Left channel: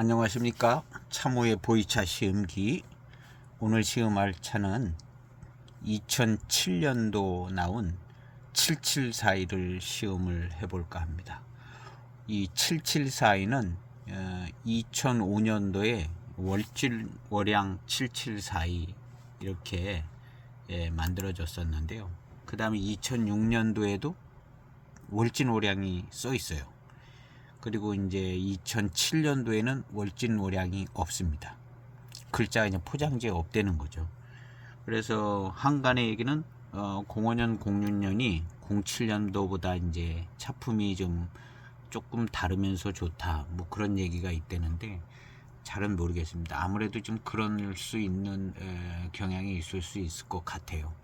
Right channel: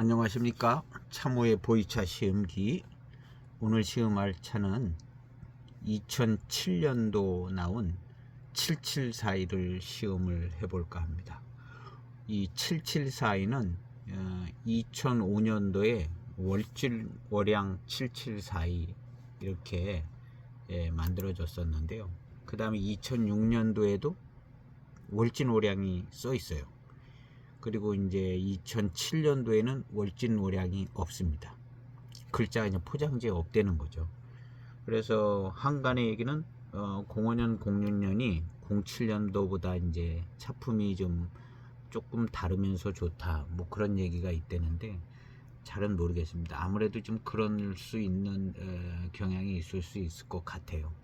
안녕하십니까. 참호의 보이차 시음기. 오늘 시음할 차는 2007년도 나온 7742를 시음을 해볼까 합니다. 이 7742는 2005년도에 월양 7742 이렇게 만들어졌었는데요. 그 다음에 2006년도에도 월진월양이 써 있어요. 그리고 이제 2007년도에는 월진월양이 없습니다. 글자가 그냥 포장지에 없다는 거죠. 그래서 한간의 얘기는 05년, 06년이 07년도보다 이제 차품이 좀 조금 다르면서 좋다, 뭐 그런 얘기가 있다는데 잘은 모르겠습니다. 아무래도 좀 그럴 수 있는 경향이 있을 수 있을 것 같아요.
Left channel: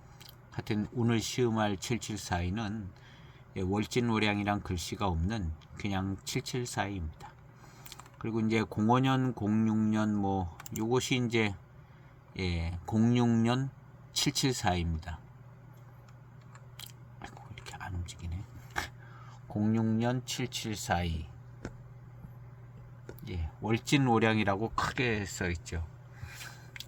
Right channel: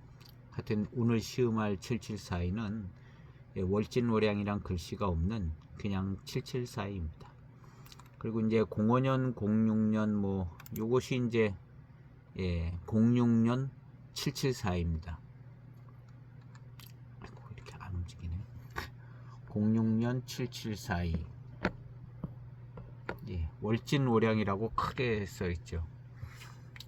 하여튼 오늘 시음할 7742는 월진월양이란 글씨가 없는 그냥 7742입니다. 그리고 이제 05년, 06년 뭐 요것이 이제 06년 774입니다. 아이고, 이렇게 안 움직이네. 06년 7742. 월진월양이라고 크게 써 있죠.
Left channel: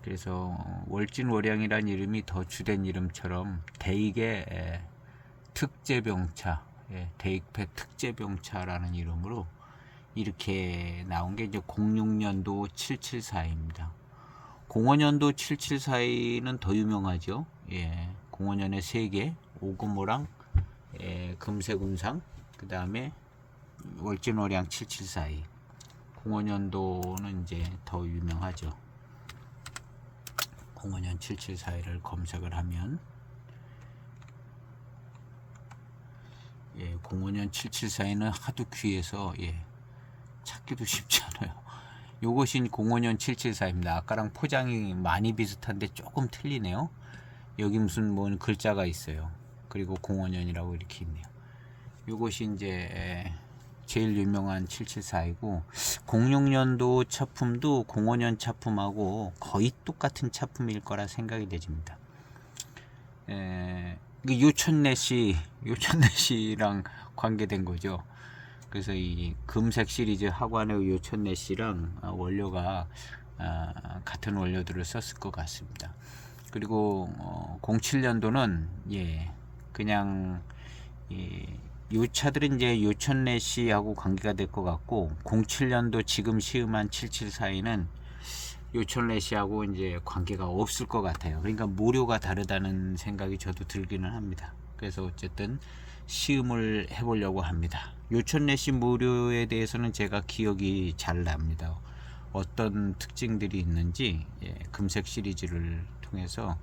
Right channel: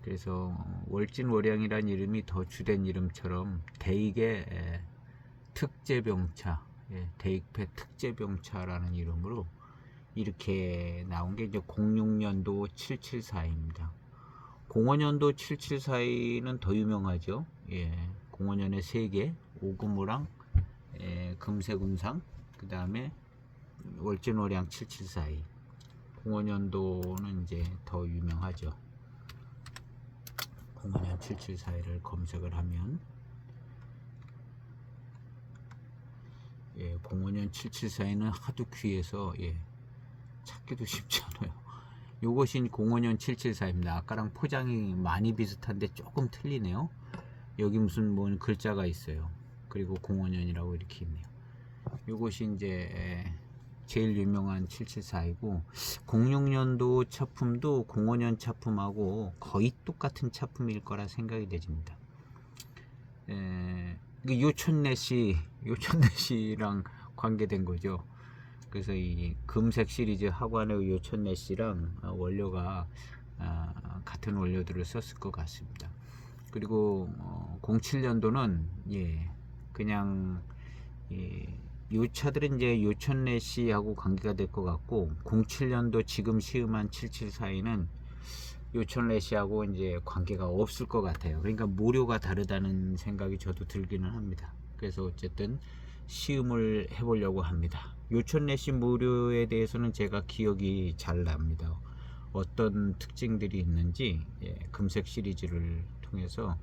그래서 월진월양이란 이름이 더 주된 이름처럼 대익의 특제병차, 대익패 특제병차라는 이름으로 이렇게 나온 게 이제 06년도 774입니다. 05년도 774는 더 유명하죠. 05년에 3개, 오금호랑 금세금상, 그 다음에 월진월양 7742. 05년도는 이제 더 유명하죠. 05년 7742를 검색을 하면 05년 7742는 하도 귀해서 찾기도 쉽지 않아요. 요것이 05년 774입니다. 아까랑 포장이 많이 비슷한데 조금 틀리네요. 여기 무슨 뭐 글자가 있어요. 그리고 05년이라고 이렇게 있네요. 요것이 이제 제일 유명한 774이고 06년도 차품도 05년 차품하고 거의 똑같은 차품일 거라 생각이 되집니다. 요천내시랑 관계된 거죠. 그래서 이 금색 시리즈 하관의 요천내시랑 원료가 같은 원료들을 썼을 것 같습니다. 그리고 07년도는 그냥 요 차들은 이제 요천내시하고 관계가 될 것 같고 07년도 지금 시음한 7742는 요천내시하고 이제 관계가 없을 것 같아요. 그러니까 모료가 다르다는 생각이 저도 들기는 합니다. 그래서 어쨌든 시음을 해보려고 합니다. 요천내시 모료에 대해서는 제가 기억이 잘 납니다. 어떤 특징들이 있는지 금색 시리즈를 통해서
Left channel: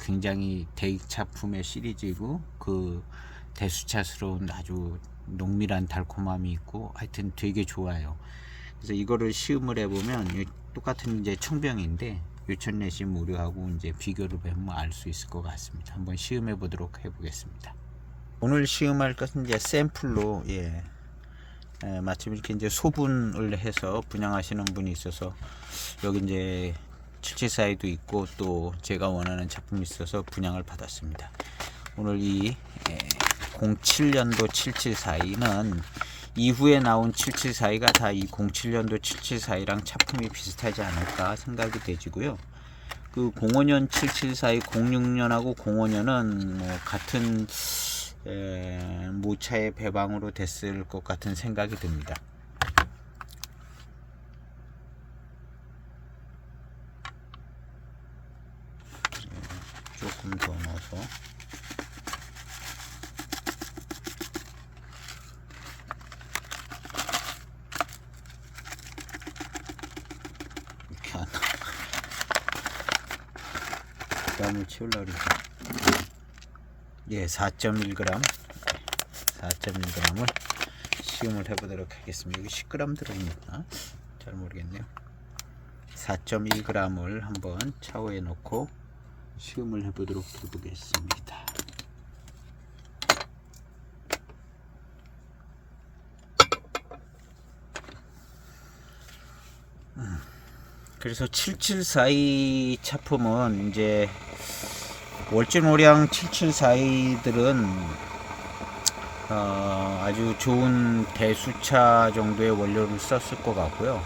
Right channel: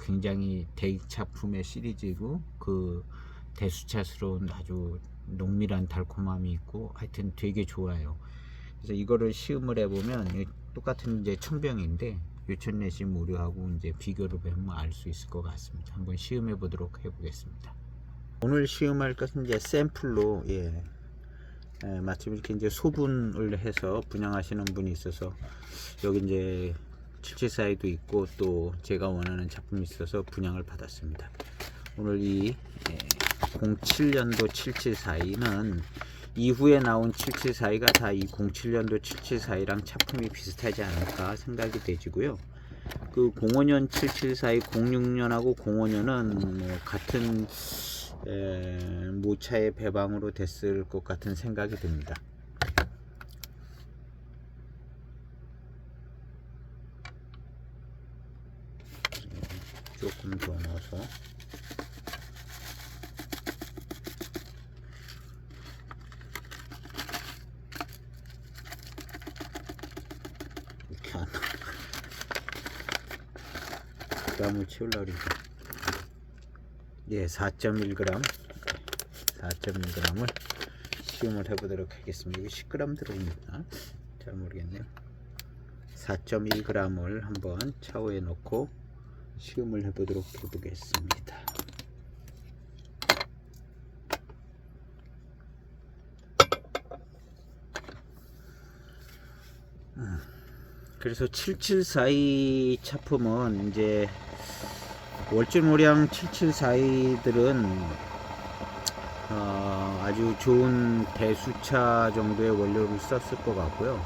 굉장히 대익차품의 시리즈이고 그 대수차스러운 아주 농밀한 달콤함이 있고 하여튼 되게 좋아요. 그래서 이거를 시음을 해보면 똑같은 이제 청병인데 요천내시 모료하고 이제 비교를 해보면 알 수 있을 것 같습니다. 한번 시음해 보도록 해보겠습니다. 오늘 시음할 것은 이제 샘플로 마침 이렇게 이제 소분을 해서 분양하시는 분이 있어서 여기 이제 7742도 있고 또 제가 원하는 작품이 있어서 분양을 받았습니다. 오늘 이 07년도 7742는 이후에 나온 7742가 다 이 07년도 7742랑 차품이 비슷하지 않을까 생각이 되지고요. 그 05년 7742, 06년하고 05년은 같은 모차의 배방으로 됐을 것 같은 생각이 듭니다. 조금 더 넣어서 이렇게 안 나와. 그ram을 채우려고 그러죠. 4.1g 4.1g을 시음을 해보도록 하겠습니다. 이거 10g 들어있나? 잘 모르겠네요. 4.1g을 한번 차오에 넣고 시음을 해보도록 해보겠습니다. 그래서 7742 차품은 이제 월진월양 7742들은 아주 좋은 대수차 정도의 원료를 썼을 것 같고요.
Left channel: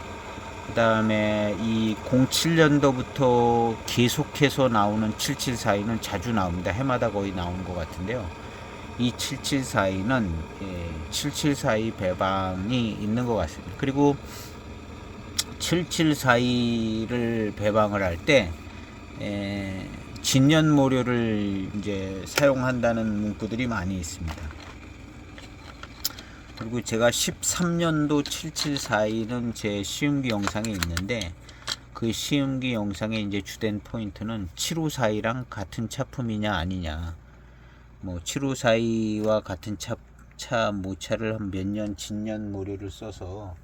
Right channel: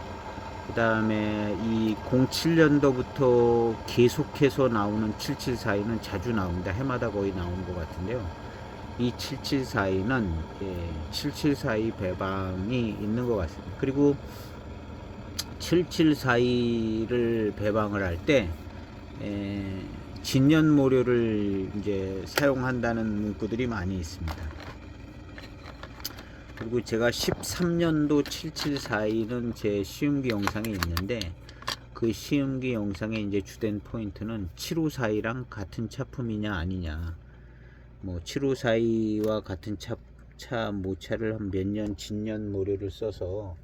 그 다음에 이 07년도부터 계속해서 나오는 7742는 자주 나옵니다. 해마다 거의 나온 것 같은데요. 이 7742는 7742 배방이 있는 것 같습니다. 그리고 7742를 배방을 할 때 진년모료를 이제 사용한다는 문구들이 많이 있습니다. 그리고 제가 13년도 7742는 제 시음기 영상에 있는데, 그 시음기 영상의 이제 주된 포인트는 7542랑 같은 차품이냐 아니냐, 뭐 7542와 같은 모차를 한 몇 년 진년 모료를 써서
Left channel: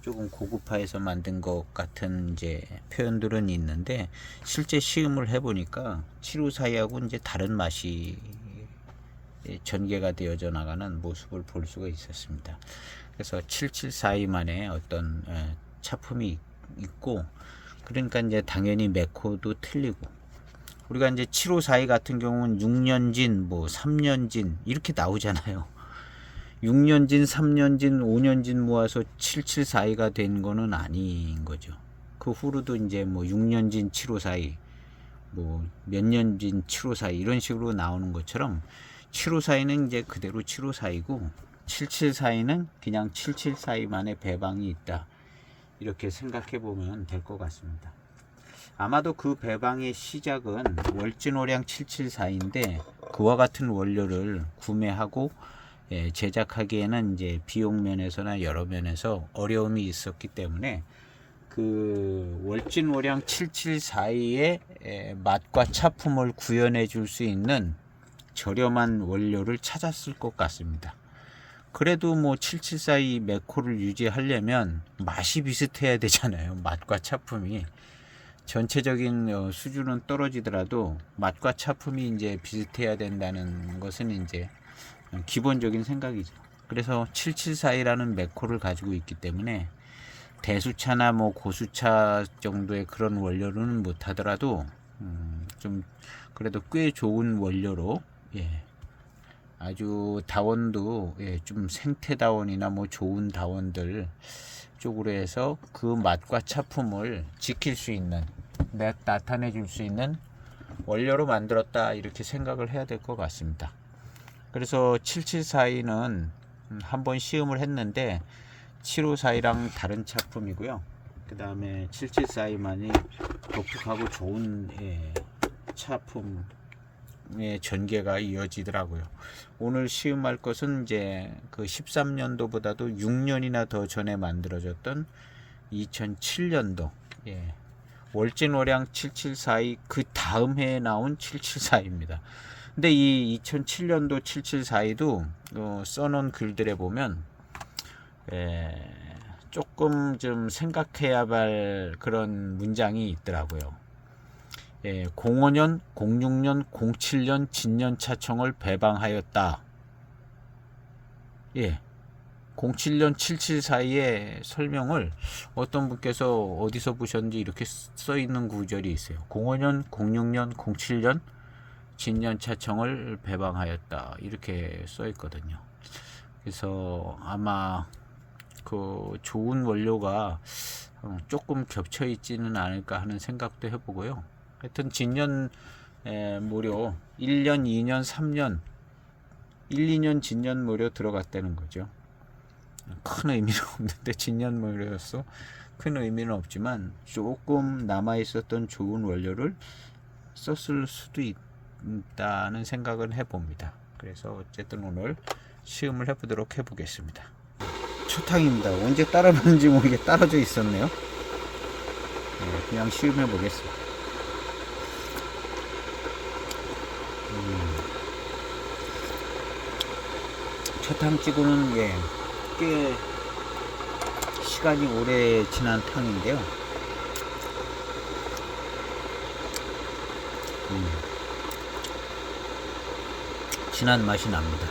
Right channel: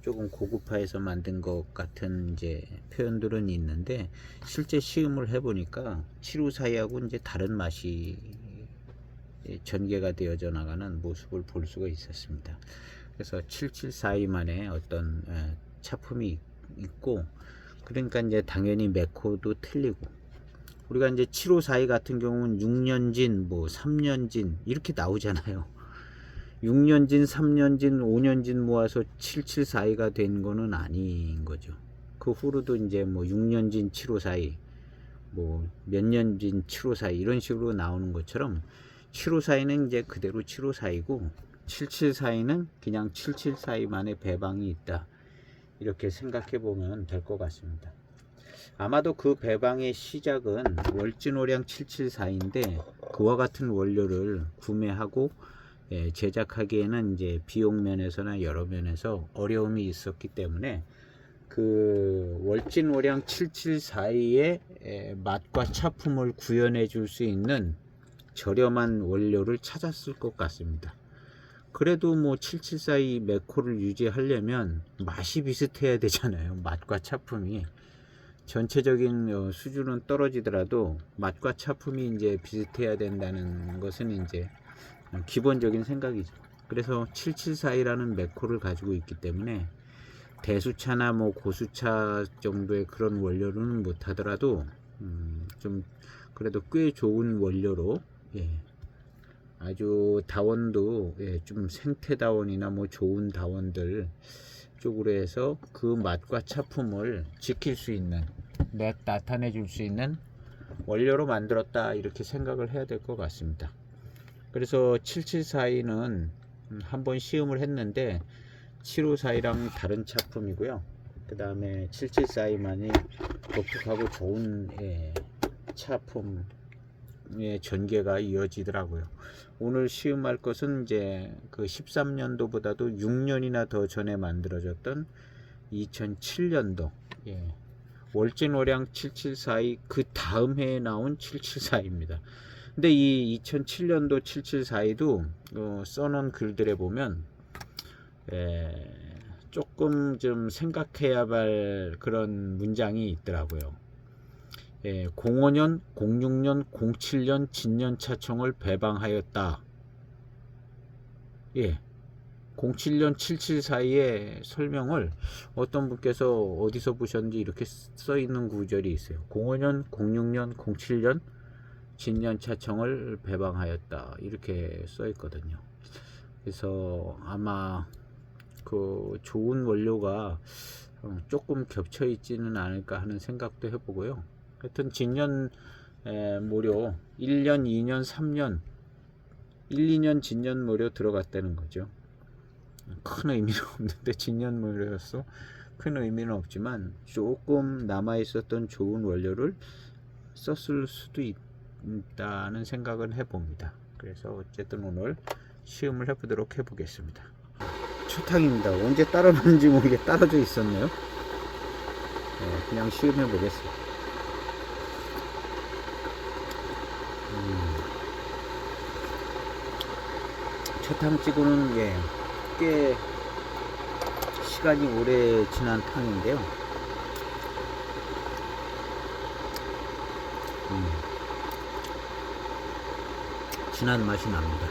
조금 고급화해서 만든 것 같은 이제 표현들은 있는데, 실제 시음을 해보니까 7542하고 이제 다른 맛이 전개가 되어져 나가는 모습을 볼 수가 있었습니다. 그래서 7742만의 어떤 차품이 있고, 그러니까 이제 당연히 메코도 틀리고, 우리가 이제 7542 같은 경우는 6년진, 뭐 3년진 이렇게 나오잖아요. 6년진, 3년진, 5년진 모아서 7742가 된 거는 아닌 거죠. 그 후로도 이제 뭐 6년진 7542, 뭐 몇 년진 7542 이런 식으로 나오는 것처럼 7542는 이제 그대로 7542고 7742는 그냥 7742만의 배방이 있다, 이렇게 생각해 보면 될 것 같습니다. 아마도 그 배방의 시작은 월진오량 7742인데 그와 같은 원료를 구매하고 제작하기에는 이제 비용 면에서나 여러 면에서 어려움이 있었기 때문에 그 월진오량 7742의 맛과 차품을 구현해 줄 수 있는 저렴한 원료를 찾았을 것 같습니다. 그래도 뭐 7742 메코를 유지하려면 맛이 비슷해야 되잖아요. 맛과 차품이 전체적인 수준은 떨어지더라도 맛과 차품이 이제 비슷해야 된다는 것은 이제 기본적인 생각이죠. 그래서 7742라는 메코를 가지고 있기 때문에 대수차나 뭐 고수차 정도의 그런 원료는 못하더라도 좀 그래도 꽤 좋은 원료로, 아주 다원도 좀 생태 다원이나 뭐 좋은 다원들 쪽으로 해서 그 맛과 차품을 지킬 수 있는, 나타내 줄 수 있는 원료로 만들었다, 이렇게 생각을 해야 될 것 같습니다. 그래서 7742는 한번 시음을 했는데 7542랑 다른 차품이고요. 그 다음에 7742만이 독특하고 좋은 차품의 전개가 이어지더라고요. 오늘 시음할 것은 이제 그 13년도보다도 6년이나 더 전에 만들어졌던 2007년도 월진오량 7742 그 다음 해에 나온 7742입니다. 근데 이 2007년도 7742도 써놓은 글들에 보면 조금 좀 생각해야 할 그런 문장이 있더라고요. 05년, 06년, 07년 진년차총을 배방하였다. 07년 7742의 설명을 어떤 분께서 어디서 보셨는지 이렇게 써 있는 구절이 있어요. 05년, 06년, 07년 진년차총을 배방하였다, 이렇게 써 있거든요. 그래서 아마 그 좋은 원료가 조금 겹쳐 있지는 않을까 하는 생각도 해보고요. 하여튼 진년 모료 1년, 2년, 3년 1, 2년 진년 모료 들어갔다는 거죠. 큰 의미는 없는데, 진년 모료였어 큰 의미는 없지만 조금 남아 있었던 좋은 원료를 썼을 수도 있다는 생각은 해봅니다. 그래서 어쨌든 오늘 시음을 해보도록 해보겠습니다. 초탕입니다. 언제 따라놓는지 모르게 따라져 있었네요. 그냥 시음해 보겠습니다. 초탕찌고는 꽤 시간이 오래 지난 탕인데요. 진한 맛이 납니다.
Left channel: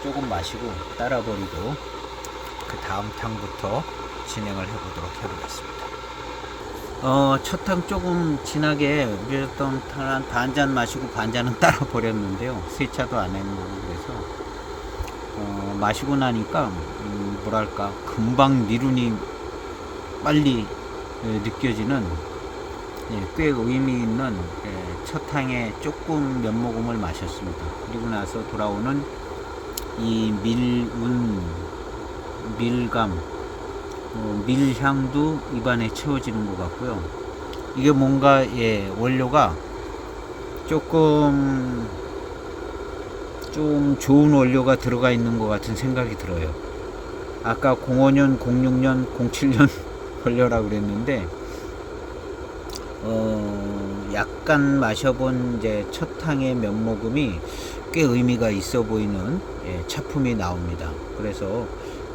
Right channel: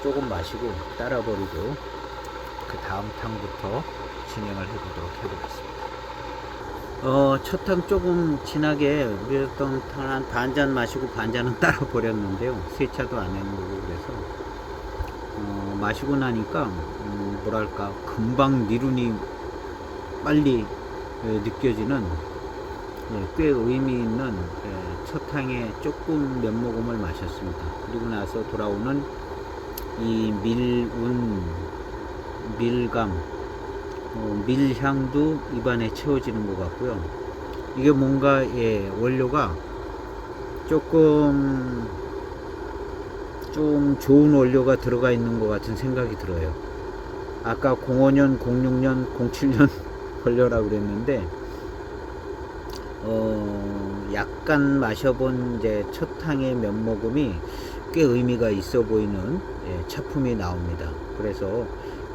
조금 마시고 따라버리고 그 다음 탕부터 진행을 해보도록 해보겠습니다. 첫탕 조금 진하게 그래도 한 반잔 마시고 반잔은 따라 버렸는데요. 세차도 안 하는 거고 그래서 마시고 나니까 뭐랄까 금방 미룬이 빨리 느껴지는 꽤 의미 있는 첫탕에 조금 몇 모금을 마셨습니다. 그리고 나서 돌아오는 이 밀감, 밀향도 입안에 채워지는 것 같고요. 이게 뭔가 원료가 조금 좀 좋은 원료가 들어가 있는 것 같은 생각이 들어요. 아까 05년, 06년, 07년 원료라고 그랬는데 약간 마셔본 이제 첫탕의 몇 모금이 꽤 의미가 있어 보이는 차품이 나옵니다. 그래서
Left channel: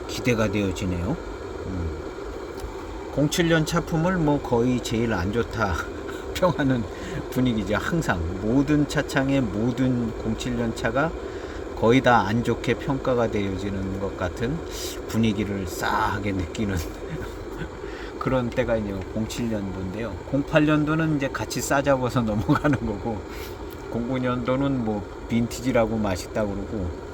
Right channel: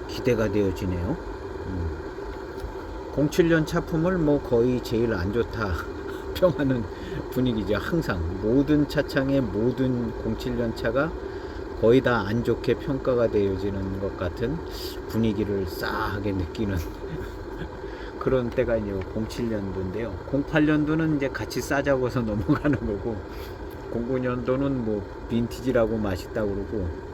기대가 되어지네요. 07년 차품을 뭐 거의 제일 안 좋다 평하는 분위기죠. 항상 모든 차창의 모든 07년 차가 거의 다 안 좋게 평가가 되어지는 것 같은 분위기를 싸하게 느끼는 그런 때가 이제 07년도인데요. 08년도는 이제 같이 싸잡아서 넘어가는 거고 09년도는 뭐 빈티지라고 맛있다고 그러고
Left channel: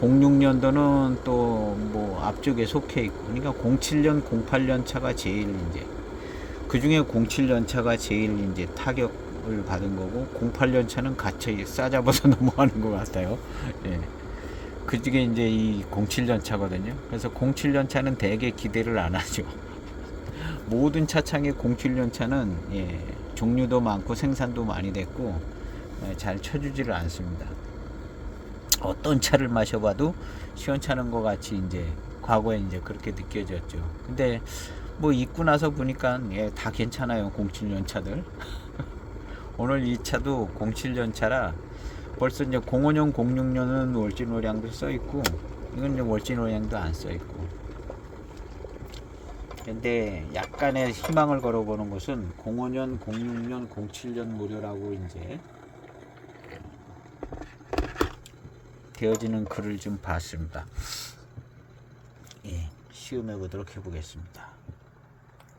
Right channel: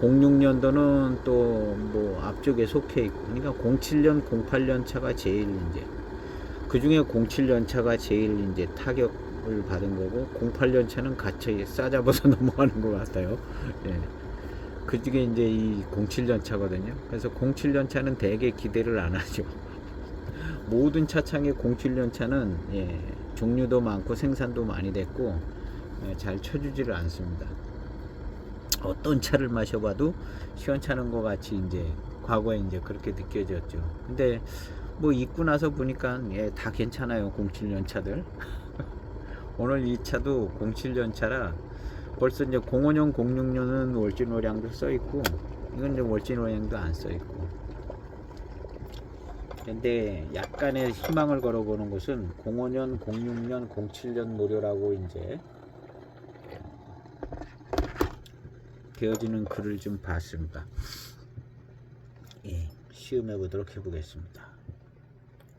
06년도는 또 뭐 앞쪽에 속해 있고 그러니까 07년, 08년 차가 제일 이제 그 중에 07년 차가 제일 이제 타격을 받은 거고 08년 차는 같이 싸잡아서 넘어가는 것 같아요. 예. 그 중에 이제 이 07년 차거든요. 그래서 07년 차는 되게 기대를 안 하죠. 모든 차창의 07년 차는 종류도 많고 생산도 많이 됐고 잘 쳐주지를 않습니다. 어떤 차를 마셔봐도 시원찮은 것 같이 이제 과거에 이제 그렇게 느껴졌죠. 근데 뭐 입고 나서 보니까 다 괜찮아요. 07년 차들. 오늘 이 차도 07년 차라 벌써 이제 05년, 06년은 월진오량도 써 있고 이건 이제 월진오량도 안 써 있고. 근데 약간의 희망을 걸어보는 것은 05년, 06년, 07년 모료라고 이제 되어지는 글을 좀 봤습니다. 시음해 보도록 해보겠습니다.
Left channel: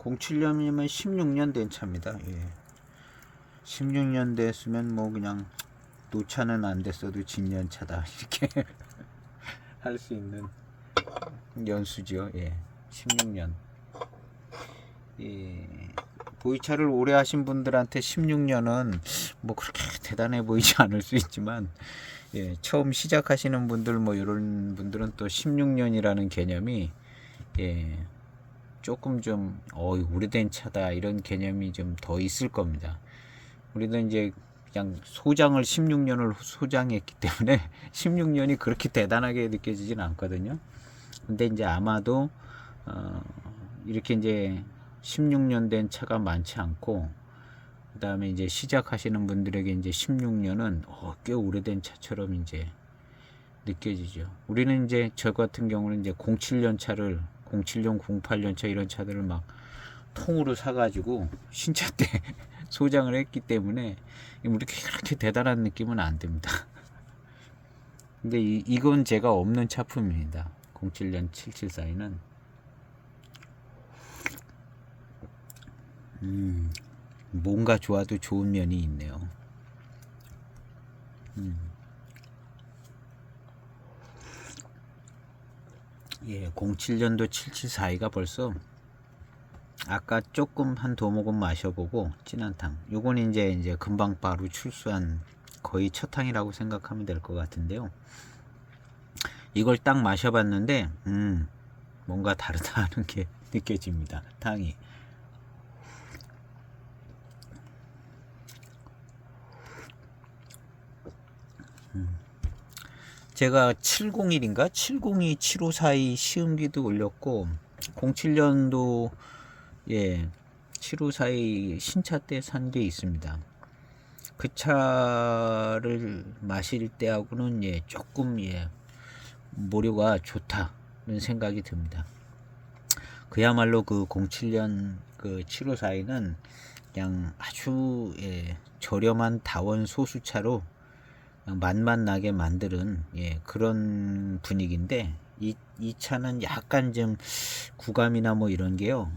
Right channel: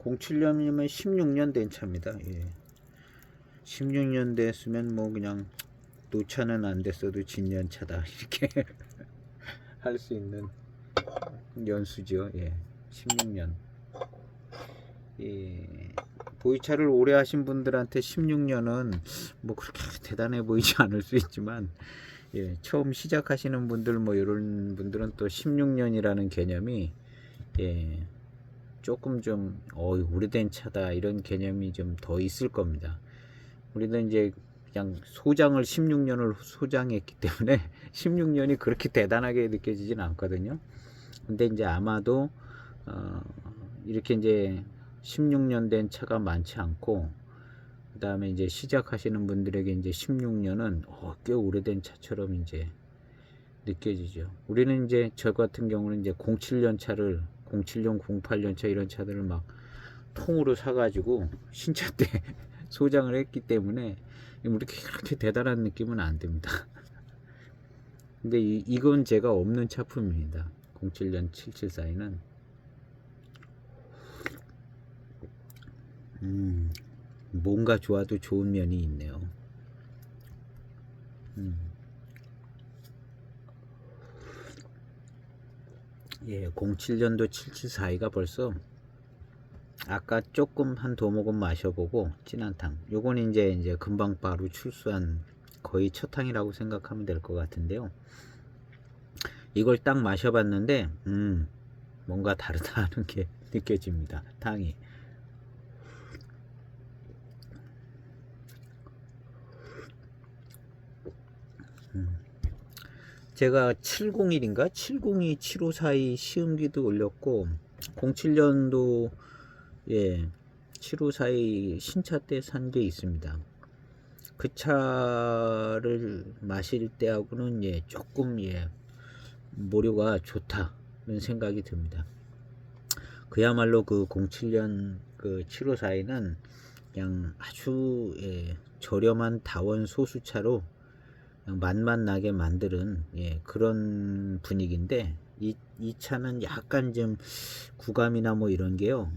07년이면 16년 된 차입니다. 16년 됐으면 뭐 그냥 노차는 안 됐어도 진년차다 이렇게 할 수 있는 연수죠. 16년. 보이차를 오래 하신 분들한테 16년은 뭐 그렇게 대단해 보이지 않을 수 있지만 처음 시작하시는 분들 뭐 이런 분들은 또 16년이라는 개념이 조금 좀 오래된 차다 이런 개념이 좀 더 있을 겁니다. 우리도 이제 그냥 소장을 16년을 소장했기 때문에 16년이 그렇게 대단하게 느껴지진 않거든요. 근데 이제 아마도 이렇게 이제 16년 된 차가 많지 않고 그 다음에 이제 시작하시는 분들에게 이제 16년은 꽤 오래된 차처럼 이제 느껴지죠. 우리는 이제 저 같은 경우는 이제 07년 차를 07년, 08년 차 이런 차들을 막 통으로 사가지고 신차 때 소장을 했기 때문에 그렇게 대단한 느낌은 안 듭니다. 근데 이건 제가 없는 차품입니다. 07년 774는 뭔가 좋아도 좋은 면이 있네요. 07년도 774가 벌써 아까 조금 한 도모금 마셔보고 진한탕 요건 이제 금방 바로 출수한 거의 첫 탕이라고 생각하면 될 것 같은데요. 이걸 딱 마셔봤는데 뭔가 다르다는 게 느껴집니다. 탕이 제가 701인가 702 754이 시음기도 올렸고 07년도 754이 신차 때 산 게 있습니다. 그 차를 마실 때하고는 조금 모류가 좋다는 생각이 듭니다. 그야말로 그 07년 그 754는 그냥 아주 저렴한 다원 소수차로 맛만 나게 만드는 그런 분위기인데 이 차는 약간 좀 구감이나 뭐 이런 게요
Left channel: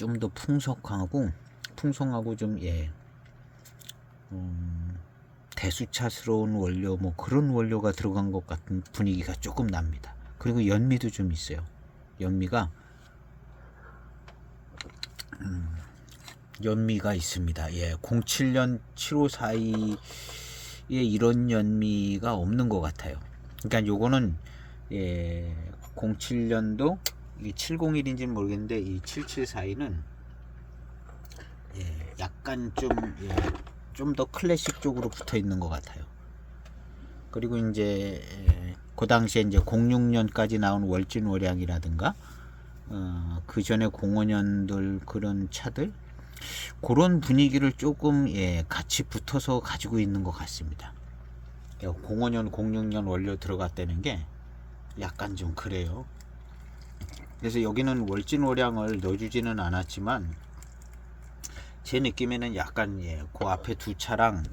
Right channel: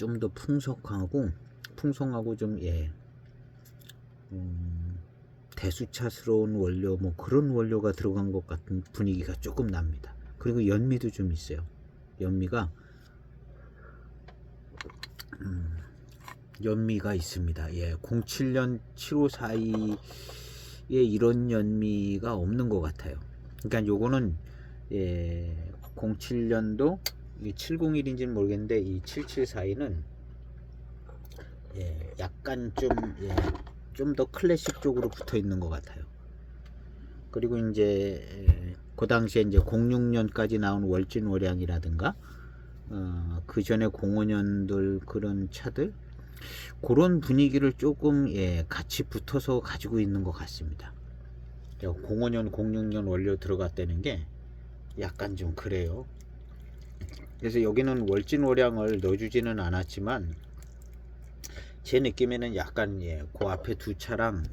좀 더 풍성하고 좀 대수차스러운 원료 뭐 그런 원료가 들어간 것 같은 분위기가 조금 납니다. 그리고 연미도 좀 있어요. 연미가 연미가 있습니다. 07년 7542에 이런 연미가 없는 것 같아요. 그러니까 요거는 07년도 701인지는 모르겠는데 이 7742는 약간 좀 더 클래식 쪽으로 붙어 있는 것 같아요. 그리고 이제 그 당시에 이제 06년까지 나온 월진월양이라든가 그 전에 05년들 그런 차들 그런 분위기를 조금 같이 붙어서 가지고 있는 것 같습니다. 05년 06년 원료 들어갔다는 게 약간 좀 그래요. 그래서 여기는 월진월양을 넣어주지는 않았지만 제 느낌에는 약간 그 앞에 두 차랑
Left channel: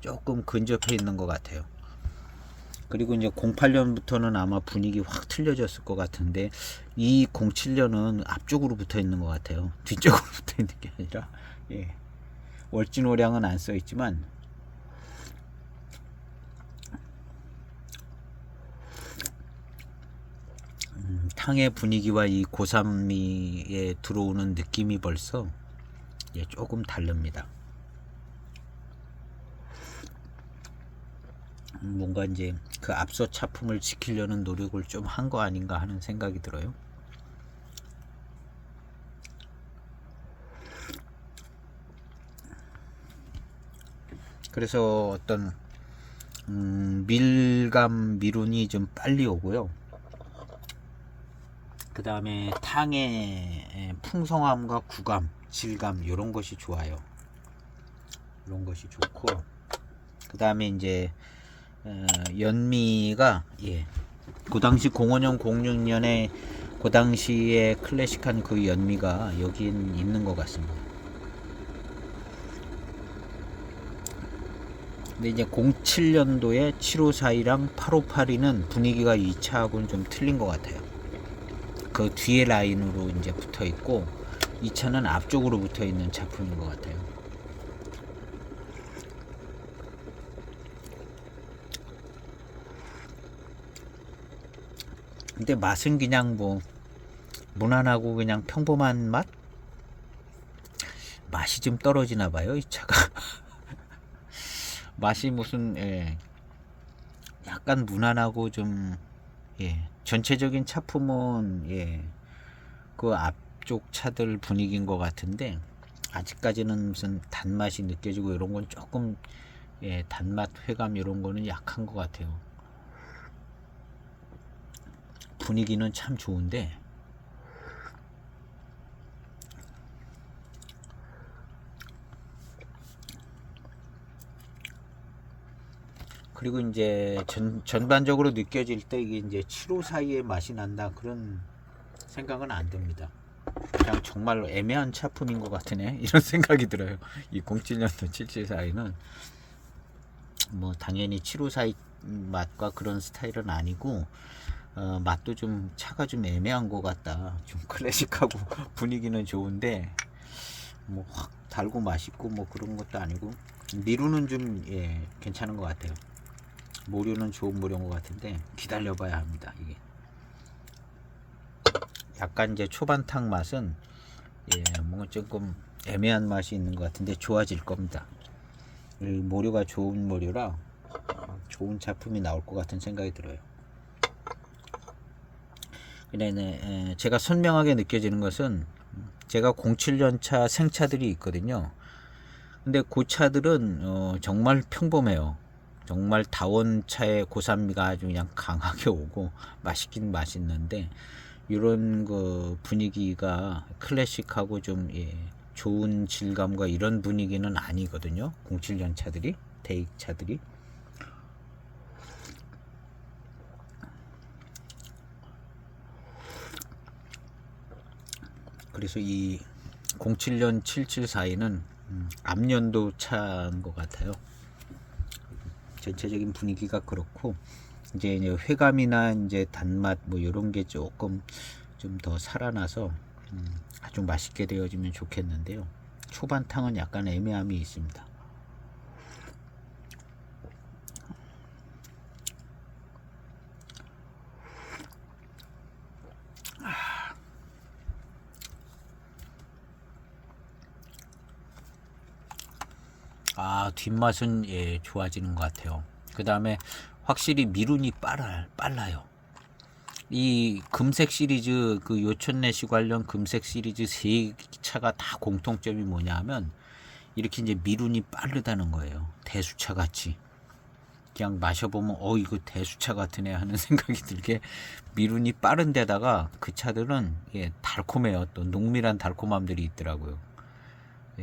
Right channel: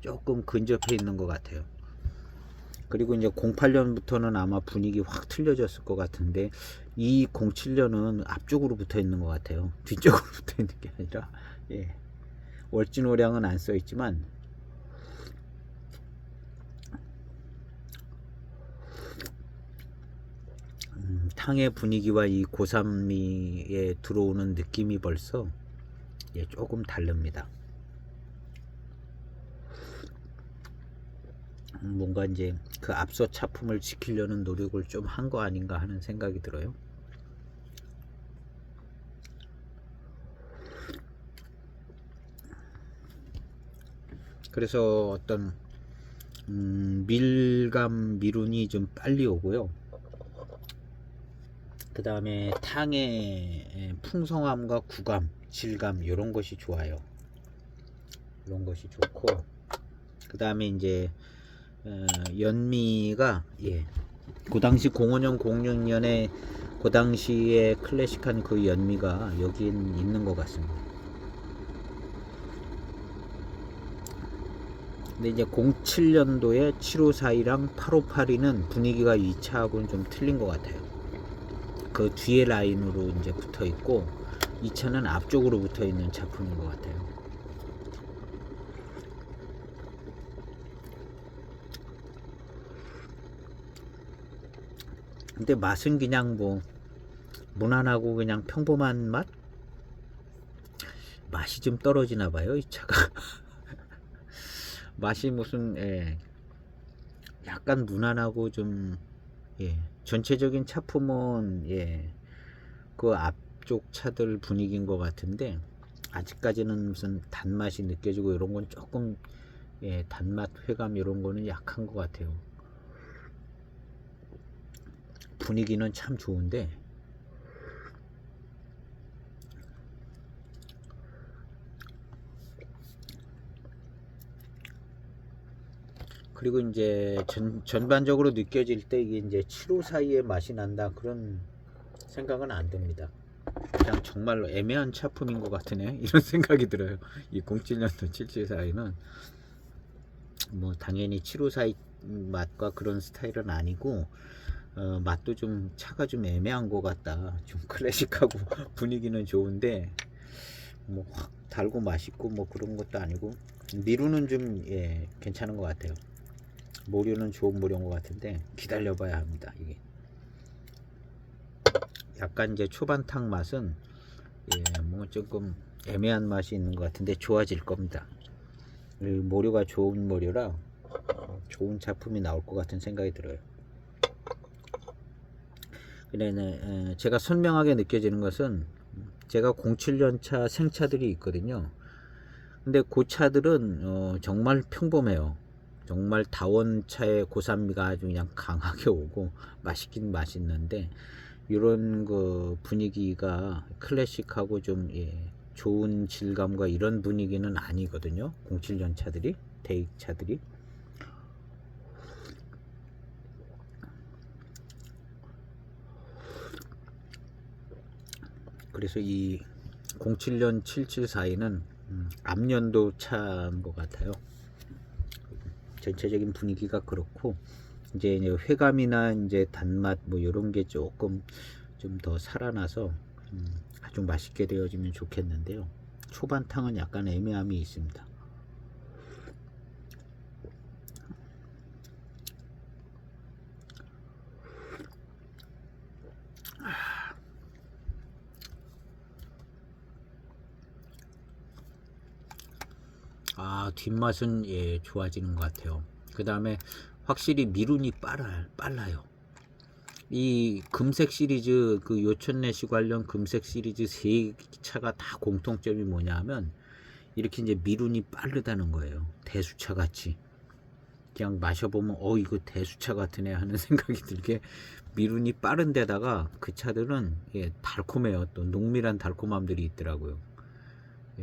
조금 근접해 있는 것 같아요. 그리고 이제 08년부터는 아마 분위기 확 틀려졌을 것 같은데 이 07년은 앞쪽으로 붙어 있는 것 같아요. 뒤쪽으로 붙어 있는 게 아니라 월진월양은 안 써 있지만 탕의 분위기와 이 고산미에 들어오는 느낌이 벌써 조금 다릅니다. 뭔가 이제 그 앞서 차품을 지키려는 노력을 좀 한 거 아닌가 하는 생각이 들어요. 그래서 어떤 미룬이 좀 빨리 오고요. 그 다음에 탕의 풍성함과 구감, 질감 이런 것이 좋아요. 이런 것이 좋고 그 다음에 이제 연미가 그 당시 05년 06년에 그 당시에 클래식한 그 연미가 여긴 있는 것 같습니다. 근데 이제 07년도에 7542랑 8582는 분위기가 2차하고는 좀 틀린 것 같아요. 그 뒤에 라인으로 이제 붙어 있고 이 차는 앞쪽으로 붙어 있는 작품인 것 같아요. 근데 맛은 그냥 뭐 무난하고 그냥 평범한 맛? 맛이 좀 떨어지나 봐요, 이 차가. 맛이 무슨 약간 무난하고 좀 전체적인 차품은 그 앞쪽 차들 분위기인 것 같은데 아직까지는 무슨 단맛이 느껴지고 이런 건 조금 단맛 회감 이런 거는 약한 것 같아요. 분위기는 참 좋은데 그리고 이제 전반적으로 느껴질 때 이게 이제 7호 사이에 맛이 난다 그런 생각은 안 듭니다. 그냥 정말 애매한 차품인 것 같으네 이런 생각이 들어요. 이 07년도 7742는 뭐 당연히 7호 사이 맛과 그런 스타일은 아니고 맛도 좀 차가 좀 애매한 것 같다. 좀 클래식하고 분위기는 좋은데 뭐 확 달고 맛있고 뭐 그런 것도 아니고 미루는 좀 괜찮은 것 같아요. 모류는 좋은 모류인 것 같은데 기다려봐야 합니다. 이게 약간 이제 초반탕 맛은 뭔가 조금 애매한 맛이 있는 것 같은데 좋아질 겁니다. 이 모류가 좋은 모류라 좋은 작품이 나올 것 같은 생각이 들어요. 근데 제가 선명하게 느껴지는 것은 제가 07년 차 생차들이 있거든요. 근데 그 차들은 정말 평범해요. 정말 다원차의 고산미가 아주 그냥 강하게 오고 맛있긴 맛있는데 이런 그 분위기가 클래식하고 좀 좋은 질감과 이런 분위기는 아니거든요. 07년 차들이 대익 차들이. 그래서 이 07년 7742는 앞년도 차인 것 같아요. 전체적인 분위기가 그렇고 이제 회감이나 이제 단맛 뭐 이런 게 조금 좀 더 살아나서 아주 맛있게 되어지면 좋겠는데요. 초반탕은 약간 애매함이 있습니다. 뒷맛은 좋아지는 것 같아요. 그 다음에 확실히 미룬이 빨라요. 이 금색 시리즈, 그 요천내시 관련 금색 시리즈 세 차가 다 공통점이 뭐냐 하면 이렇게 이제 미룬이 빠르다는 거예요. 대수차 같이. 그냥 마셔보면 이거 대수차 같으네 하는 생각이 들게 미룬이 빠른 데다가 그 차들은 달콤해요. 또 농밀한 달콤함들이 있더라고요.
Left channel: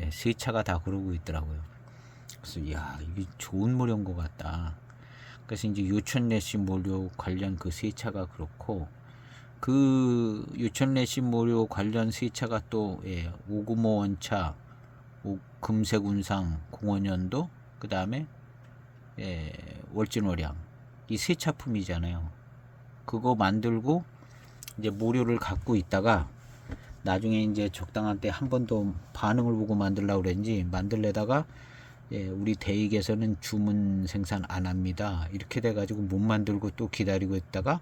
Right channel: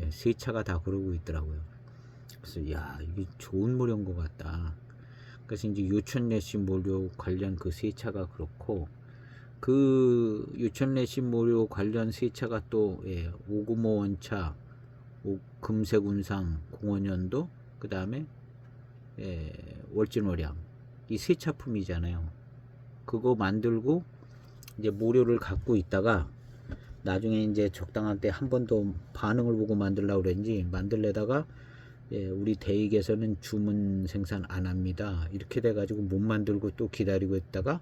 세 차가 다 그러고 있더라고요. 그래서 이게 좋은 모료인 것 같다. 그래서 이제 요천내시 모료 관련 그 세 차가 그렇고, 그 요천내시 모료 관련 세 차가 또 오구모 원차, 금색운상 05년도, 그 다음에 월진월양, 이 세 차품이잖아요. 그거 만들고 이제 모료를 갖고 있다가 나중에 이제 적당한 때 한 번 더 반응을 보고 만들려고 그랬는지 만들려다가 우리 대익에서는 주문 생산 안 합니다. 이렇게 돼가지고 못 만들고 또 기다리고 있다가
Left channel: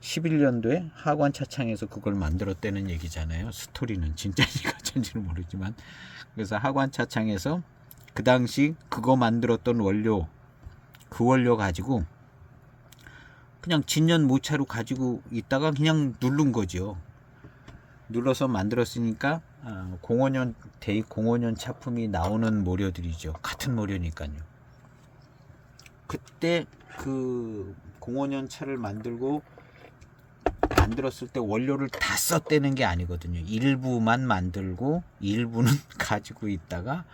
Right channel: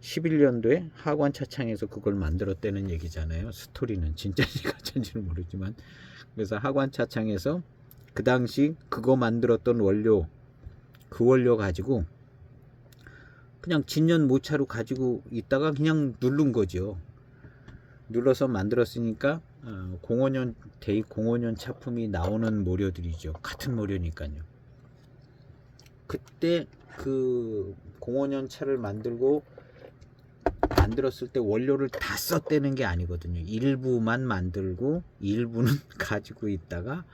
11년도에 하관 차창에서 그걸 만들었다는 얘기잖아요. 스토리는 진짜인지 가짜인지는 모르지만, 그래서 하관 차창에서 그 당시 그거 만들었던 원료, 그 원료 가지고 그냥 진년 모차로 가지고 있다가 그냥 누른 거죠. 눌러서 만들었으니까 05년 대익 05년 차품이 나오는 모료들이죠. 같은 모료니까요. 그때 그 05년 차를 만들었을 때 원료를 다 썼다는 게 아니거든요. 일부만 만들고 일부는 가지고 있다가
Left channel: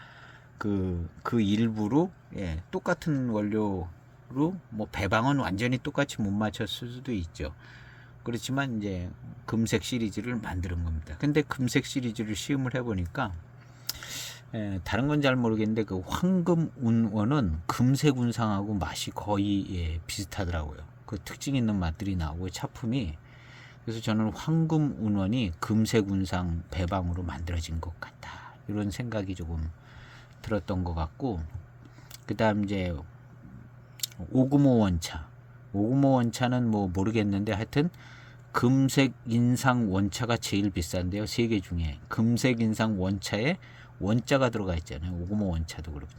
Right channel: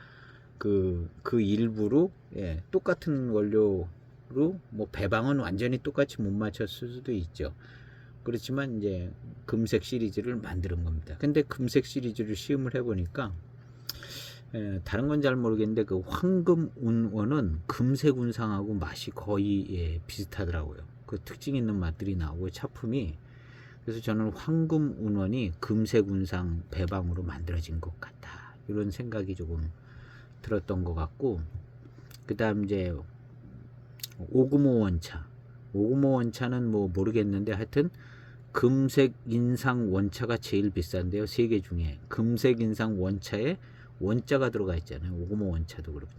그 일부로 똑같은 원료로, 뭐 배방은 완전히 똑같이 못 맞췄을 수도 있죠. 그렇지만 이제 금색 시리즈를 만드는 겁니다. 근데 금색 시리즈를 시음을 해보니까 다른 건 잘 모르겠는데 그 황금 운원은 금색 운상하고 맛이 거의 비슷하더라고요. 그 특징 있는 맛들이 나오고 차품이. 그래서 저는 황금 운원이 금색 운상 배방으로 만들어진 것 같다, 이런 생각이 조금 들었던 것 같고, 그 다음 이제 오구모 원차. 오구모 원차는 뭐 모르겠는데 하여튼 금색 인상 원차가 제일 비싼데요. 세 개 중에 금색 인상 원차에 원자가 들어가 있잖아요. 오구모 원차도 그렇고.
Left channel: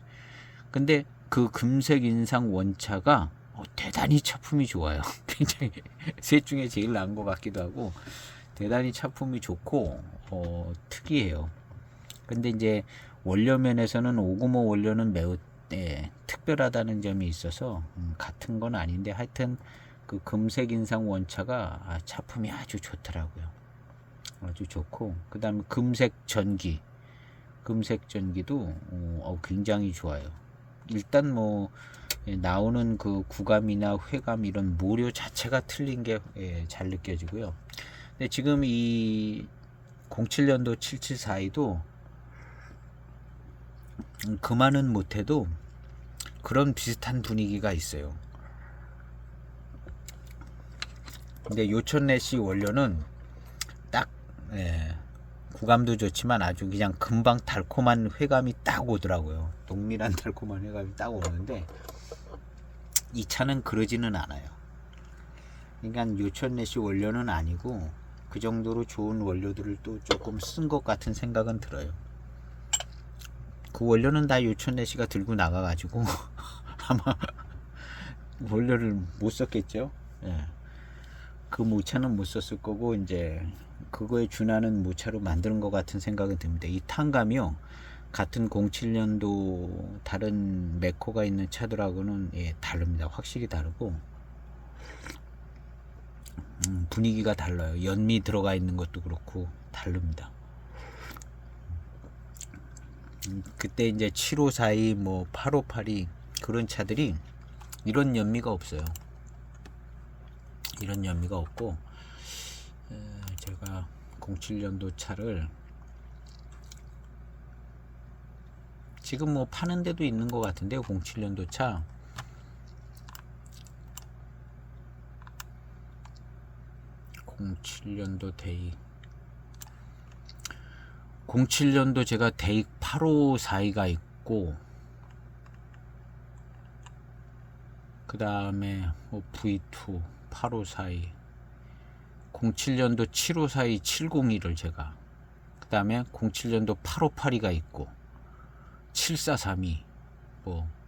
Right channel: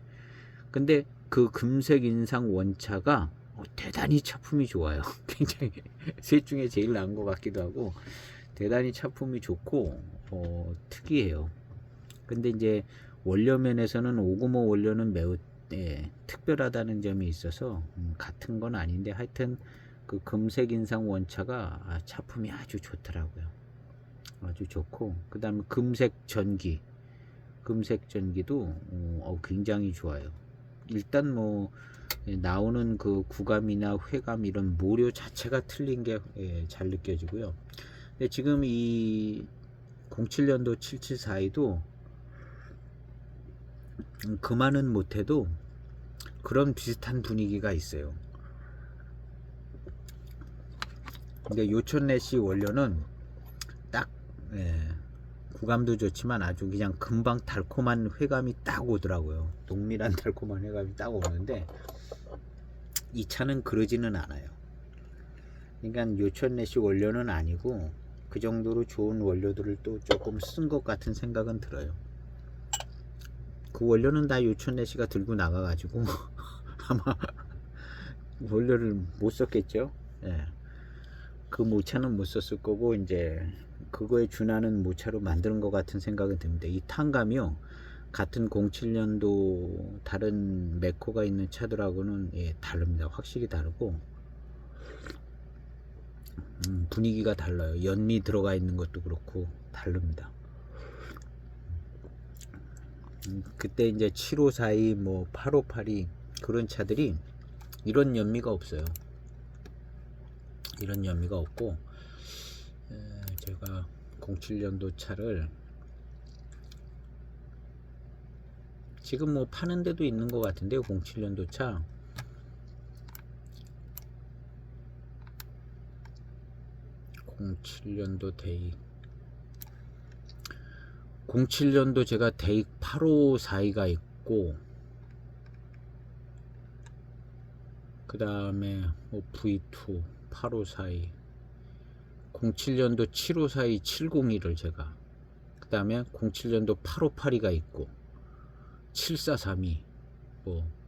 근데 그 금색 인상 원차가 대단히 차품이 좋아요. 굉장히 셋 중에 제일 나은 것 같기도 하고 대단히 차품이 좋고 특이해요. 근데 이제 원료 면에서는 오구모 원료는 매우 특별하다는 점이 있어서 같은 건 아닌데 하여튼 그 금색 인상 원차가 차품이 아주 좋더라고요. 아주 좋고, 그 다음에 금색 전기도 굉장히 좋아요. 일단 뭐 나오는 그 구감이나 회감 이런 모료 자체가 틀린 게 잘 느껴지고요. 근데 지금 이 07년도 7742도 그만은 못해도 그런 비슷한 분위기가 있어요. 근데 요천내시 원료는 딱 구감도 좋지만 아주 그냥 금방 달콤한 회감이 딱 오더라고요. 농밀한 달콤한 회감이 딱 오는데 이 차는 그러지는 않아요. 그러니까 요천내시 원료는 아니고 그 정도로 좋은 원료들을 또 조금 쓴 것 같은 생각은 들어요. 그 원료는 다 요천내시가 들고 나가가지고 아마 원료를 못 썼겠죠. 그 모차는 못 썼을 거고 이제 그거에 준하는 모차로 만드는 것 같은 생각이 듭니다. 이 탄감이요, 같은 07년도 다른 메코가 있는 차들하고는 다릅니다. 확실히 다르고 분위기가 달라요. 연미 들어가 있는 것도 그렇고 다릅니다. 그때 이제 7542, 뭐 8582 그런 차들이 이런 연미가 없어요. 이런 연미가 없고, 제가 07년도 차를 지금 뭐 파는 데도 있는 것 같은데요. 07년도 차 07년도 데이 07년도 제가 대익 8542가 있고, 그 다음에 V2 8542, 07년도 7542 701을 제가, 그 다음에 07년도 8582가 있고, 7432,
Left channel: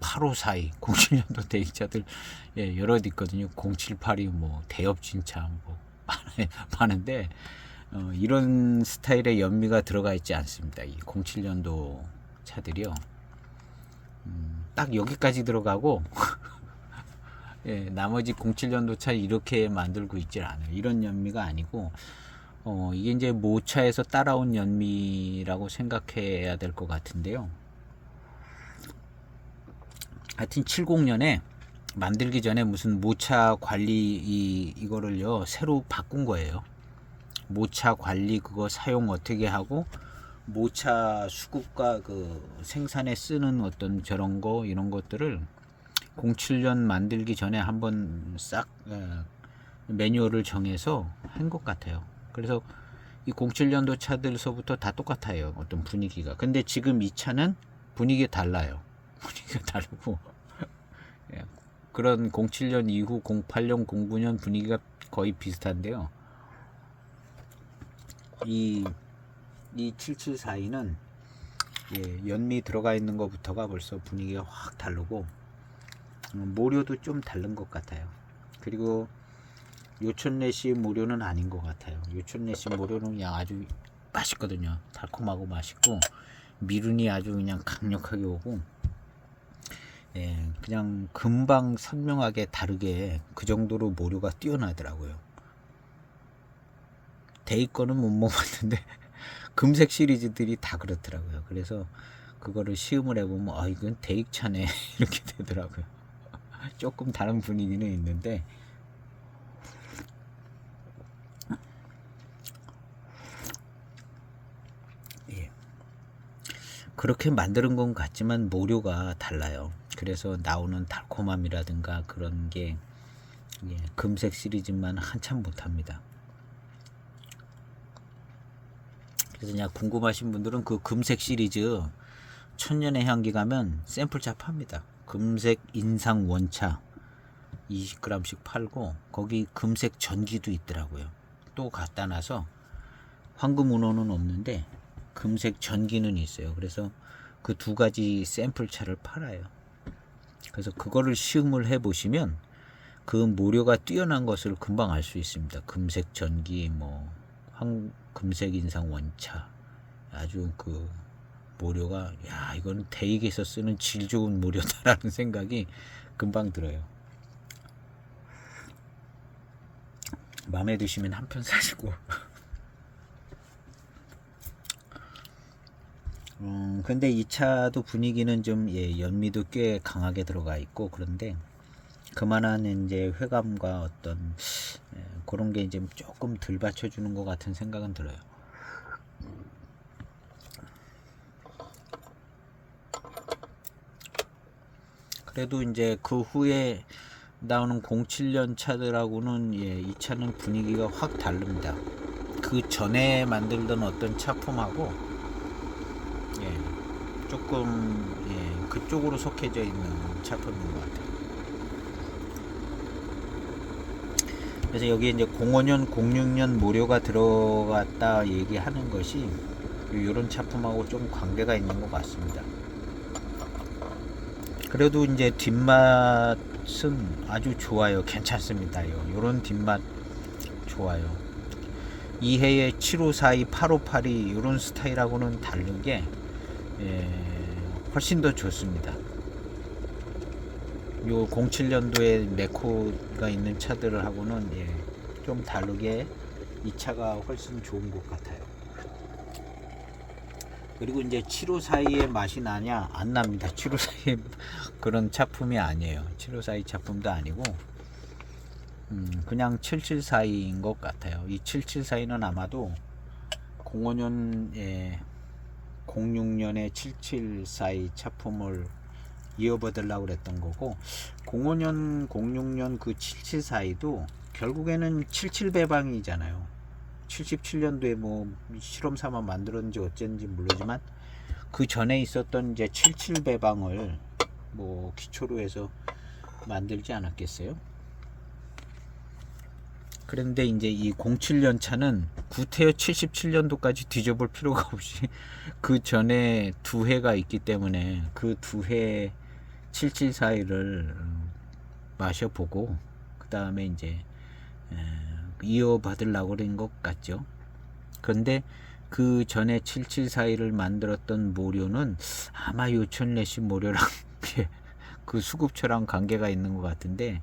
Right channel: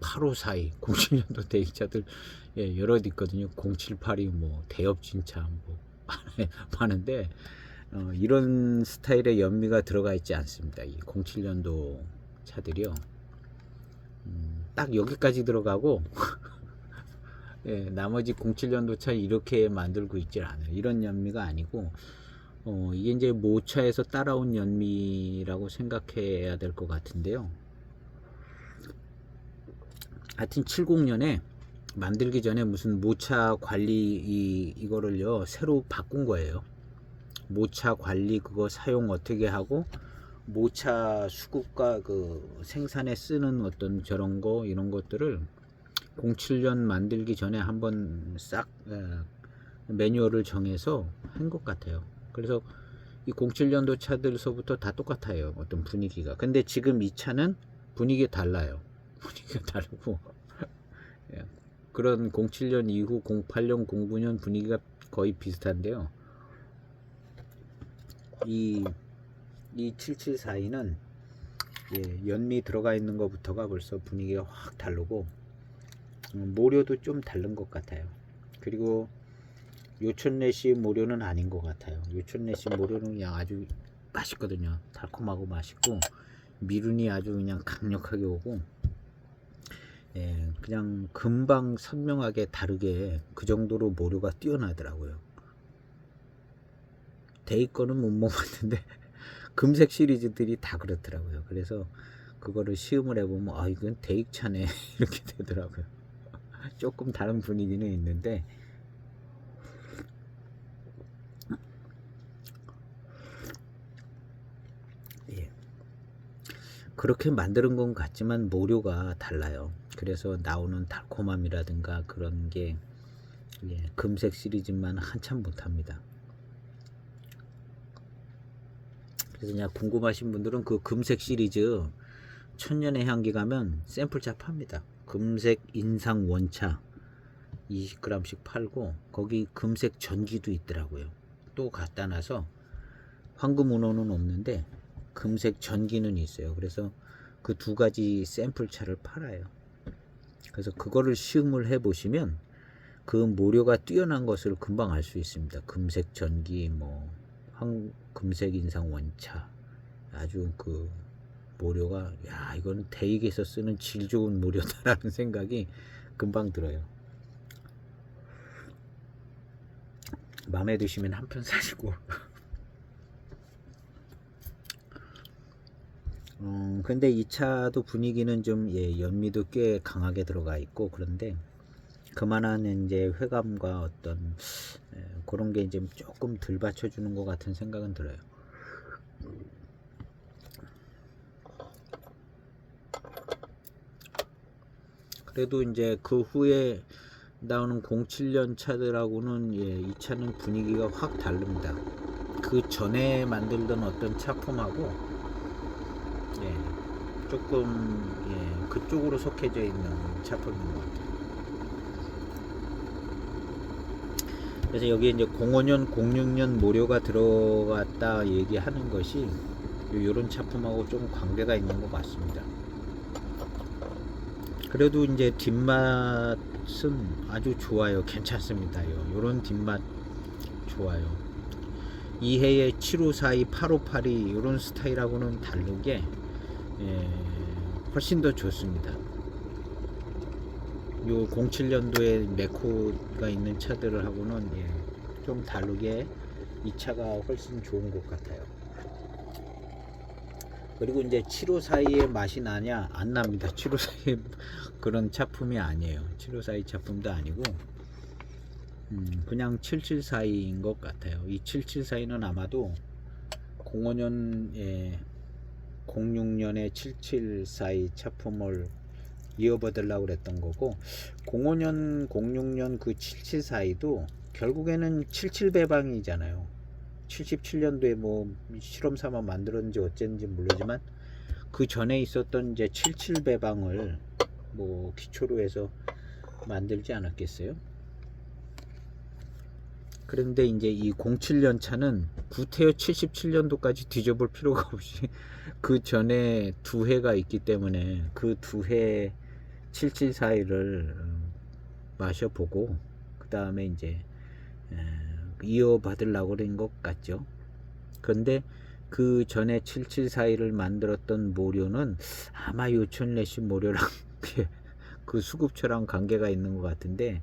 8542, 07년도 대익차들 여럿 있거든요. 0782 대엽진차 많은데, 이런 스타일의 연미가 들어가 있지 않습니다. 이 07년도 차들이요. 딱 여기까지 들어가고 나머지 07년도 차 이렇게 만들고 있지 않아요. 이런 연미가 아니고 이게 이제 모차에서 따라온 연미라고 생각해야 될 것 같은데요. 하여튼 70년에 만들기 전에 무슨 모차 관리 이거를요 새로 바꾼 거예요. 모차 관리 그거 사용 어떻게 하고, 모차 수급과 그 생산에 쓰는 어떤 저런 거 이런 것들을 07년 만들기 전에 한번 싹 매뉴얼을 정해서 한 것 같아요. 그래서 이 07년도 차들서부터 다 똑같아요. 어떤 분위기가. 근데 지금 이 차는 분위기가 달라요. 분위기가 다르고 그런 07년 이후 08년 09년 분위기가 거의 비슷한데요. 이 7742는 연미 들어가 있는 것부터가 벌써 분위기가 확 다르고, 모료도 좀 다른 것 같아요. 그리고 요촌내시 모료는 아닌 것 같아요. 요촌내시 모료는 그냥 아주 맛있거든요. 달콤하고 맛있고, 미륜이 아주 그냥 강력하게 오고, 그냥 금방 선명하게 다르게 그 정도로 모료가 뛰어나더라고요. 대익 거는 못 먹었는데 금색 시리즈들이 다 그렇더라고요. 그래서 그거를 시음을 해보면 이건 대익 차네 이렇게 되더라고요. 조금 다른 분위기는 있는데, 그렇게 만드는 건 같지만 모료가 달라요. 그래서 나오는 달콤함이라든가 그런 게 금색 시리즈만 한참 못합니다. 그래서 그냥 궁금하신 분들은 그 금색 시리즈 천년의 향기 가면 샘플차 팝니다. 금색 인상 원차 20g씩 팔고, 거기 금색 전기도 있더라고요. 또 갖다 놔서 황금 운호는 없는데 금색 전기는 있어요. 그래서 그 두 가지 샘플차를 팔아요. 그래서 그거를 시음을 해 보시면 그 모료가 뛰어난 것을 금방 알 수 있습니다. 금색 전기, 금색 인상 원차, 아주 그 모료가 이건 대익에서 쓰는 질 좋은 모료다라는 생각이 금방 들어요. 마음에 드시면 한 편 사시고. 근데 이 차도 분위기는 좀 연미도 꽤 강하게 들어가 있고, 그런데 그만한 이제 회감과 어떤 그런 게 이제 조금 덜 받쳐주는 것 같은 생각은 들어요. 그래도 이제 그 후에 나오는 07년 차들하고는 이 차는 분위기가 확 다릅니다. 그 전에 만들던 어떤 차품하고 조금 그쪽으로 속해져 있는 차품인 것 같아요. 그래서 여기에 이제 05년, 06년 모료가 들어갔다 얘기하는 것이 이런 차품하고 좀 관계가 있는 것 같습니다. 그래도 이제 뒷맛은 아주 좋아요. 괜찮습니다. 이런 뒷맛 좋아요. 이해의 7542, 8582 이런 스타일하고는 다르게 훨씬 더 좋습니다. 요 07년도에 네코가 있는 차들하고는 좀 다르게 이 차가 훨씬 좋은 것 같아요. 그리고 이제 7542의 맛이 나냐? 안 납니다. 7542 그런 차품이 아니에요. 7542 차품도 아니고 그냥 7742인 것 같아요. 이 7742는 아마도 05년 06년에 7742 차품을 이어받으려고 그랬던 거고, 05년 06년 그 7742도 결국에는 77배방이잖아요. 77년도에 뭐 실험 삼아 만들었는지 어쨌는지 모르지만 그 전에 있었던 이제 77 배방을 뭐 기초로 해서 만들지 않았겠어요? 그런데 이제 이 07년 차는 구태여 77년도까지 뒤져볼 필요가 없이 그 전에 두 해가 있기 때문에 그 두 해 7741을 마셔보고 그 다음에 이제 이어받으려고 그런 것 같죠. 그런데 그 전에 7741을 만들었던 모료는 아마 요천래시 모료랑 그 수급처랑 관계가 있는 것 같은데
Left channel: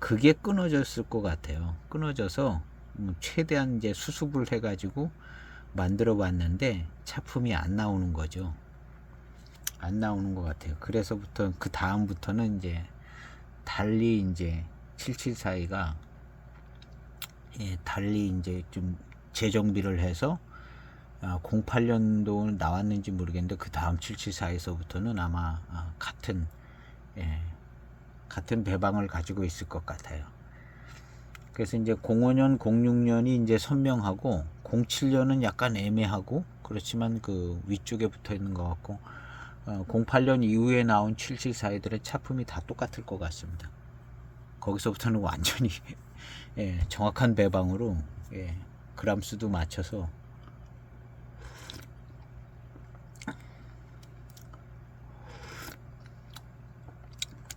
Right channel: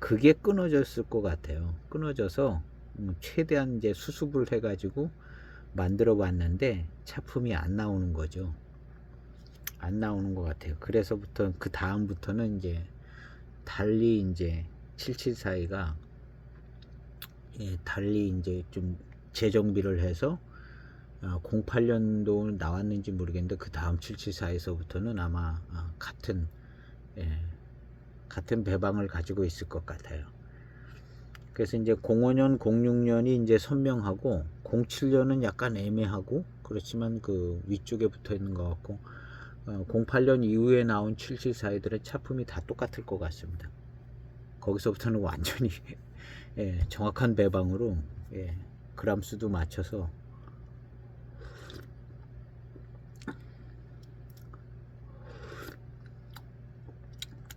그게 끊어졌을 것 같아요. 끊어져서 최대한 이제 수습을 해가지고 만들어 봤는데 차품이 안 나오는 거죠. 안 나오는 것 같아요. 그래서부터 그 다음부터는 이제 달리 이제 7742가 달리 이제 좀 재정비를 해서 08년도 나왔는지 모르겠는데 그 다음 7742에서부터는 아마 같은 배방을 가지고 있을 것 같아요. 그래서 이제 05년, 06년이 이제 선명하고 07년은 약간 애매하고 그렇지만 그 위쪽에 붙어 있는 것 같고 08년 이후에 나온 7742들의 차품이 다 똑같을 것 같습니다. 거기서부터는 완전히 정확한 배방으로 그람수도 맞춰서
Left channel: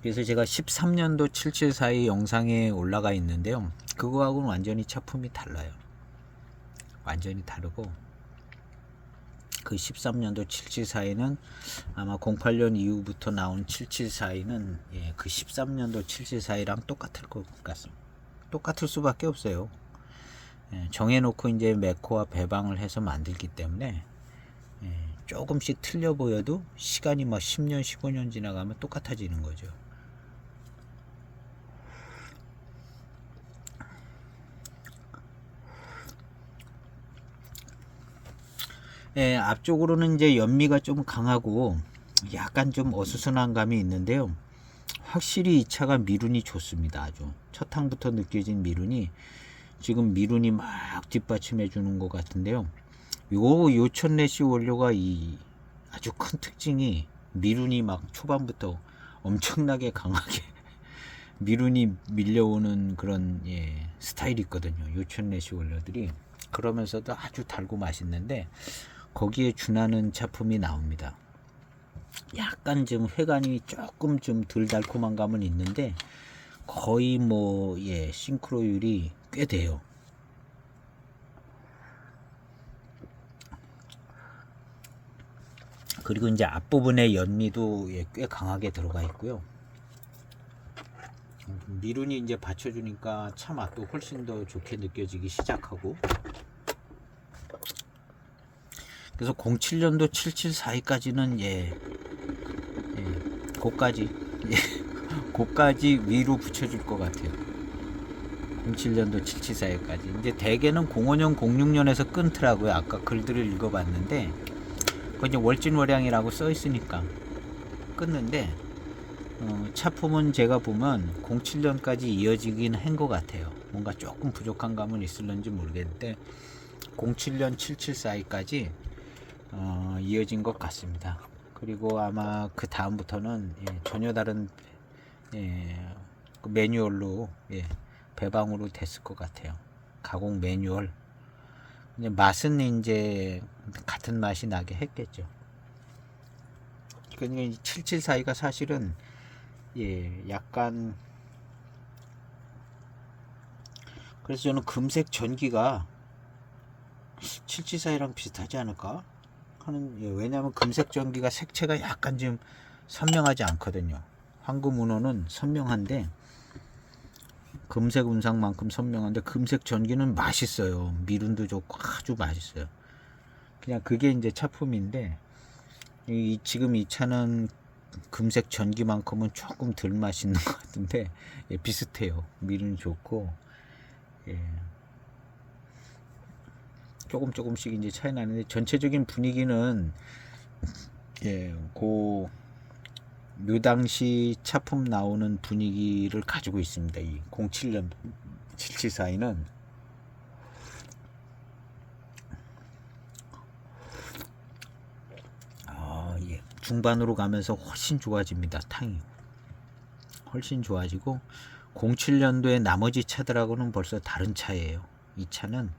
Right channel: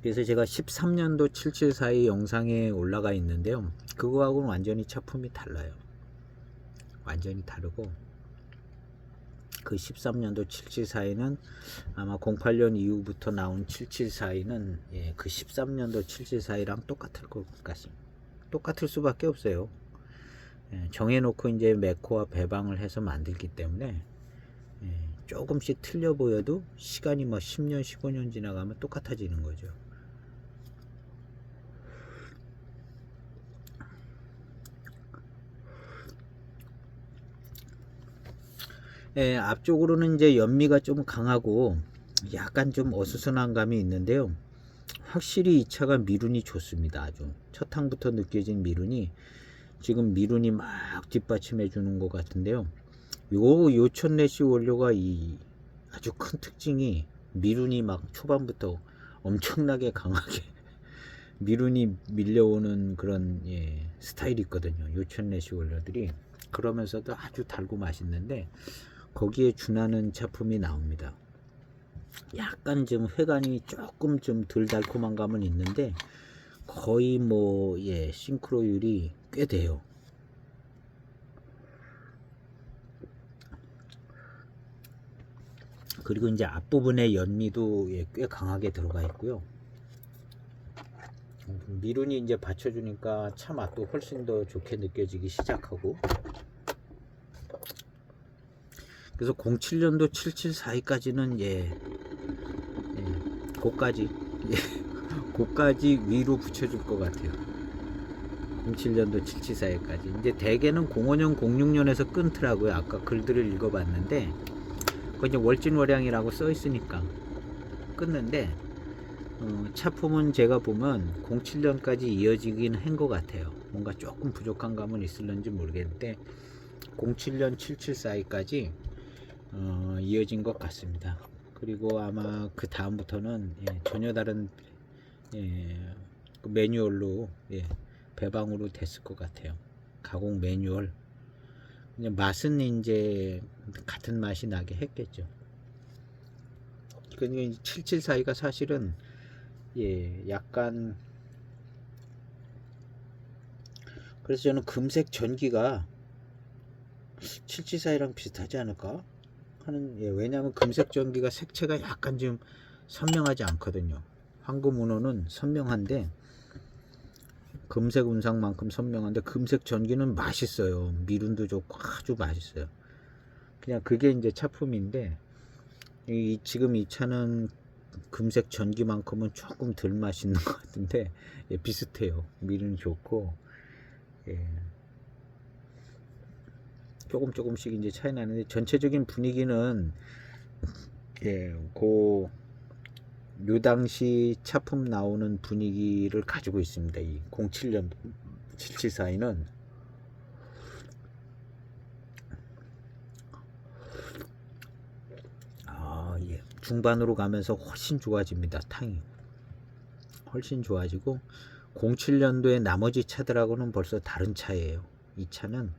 그래서 제가 13년도 7742 영상에 올라가 있는데요. 그거하고는 완전히 차품이 달라요. 완전히 다르고 그 13년도 7742는 아마 08년 이후부터 나온 7742는 그 13년도 7742랑 똑같을 것 같습니다. 똑같을 수밖에 없어요. 정해놓고 이제 메코와 배방을 해서 만들기 때문에 조금씩 틀려 보여도 시간이 막 10년 15년 지나가면 똑같아지는 거죠. 앞쪽으로는 이제 연미가 좀 강하고 약간 좀 어수선한 감이 있는데요. 확실히 이 차가 미룬이 좋습니다. 아주 첫 항부터 느껴진 미룬이 지금 미룬이 막 뒷받침해 주는 것 같은데요. 요 요천래시 원료가 이 아주 큰 특징이 미룬이 막 초반부터 엄청나게 강하게 미룬이 밀려오는 그런 스타일이 있거든요. 요천래시 원료들이 그러면서도 아주 달고 맛있는데 거기에 준하는 차품이 나옵니다. 약간 좀 회관이 조금 좀 덜 달콤한 감은 있는데 거의 뭐 싱크로율이 꽤 돼요. 그리고 이제 앞부분에 연미도 꽤 강하게 들어가 있고요. 미룬이 이제 받쳐주니까 차 맛도 훨씬 더 좋게 느껴지기 시작하고 그래서 07년도 7742까지는 고까지 위로 붙여줄 것 같아요. 07년도 7742까지. 이제 대개는 05년, 06년에서 끊더라고요. 아까 글들을 읽어봤는데, 그 이제 월진월량이라고 써 있으니까 끊는데, 차품은 제가 보면 07년까지 이어지긴 한 것 같아요. 뭔가 조금 부족한 감은 있을는지 모르겠는데, 07년 7742까지 이어진 것 같습니다. 그리고 아마 그 다음부터는 전혀 다른 그 매뉴얼로 배방으로 됐을 것 같아요. 가공 매뉴얼. 맛은 이제 같은 맛이 나게 했겠죠. 그러니까 7742가 사실은 약간 그래서 저는 금색 전기가 7742랑 비슷하지 않을까 하는 왜냐하면 금색 전기가 색채가 약간 좀 선명하지 않거든요. 황금 운호는 선명한데 금색 운상만큼 선명한데 금색 전기는 맛있어요. 미룬도 좋고 아주 맛있어요. 그냥 그게 이제 차품인데 지금 이 차는 금색 전기만큼은 조금 덜 맛있는 것 같은데 비슷해요. 미룬 좋고 조금씩 이제 차이 나는데 전체적인 분위기는 요 당시 차품 나오는 분위기를 가지고 있습니다. 이 07년 7742는 중반으로 가면서 훨씬 좋아집니다. 탕이 훨씬 좋아지고 07년도에 나머지 차들하고는 벌써 다른 차예요. 이 차는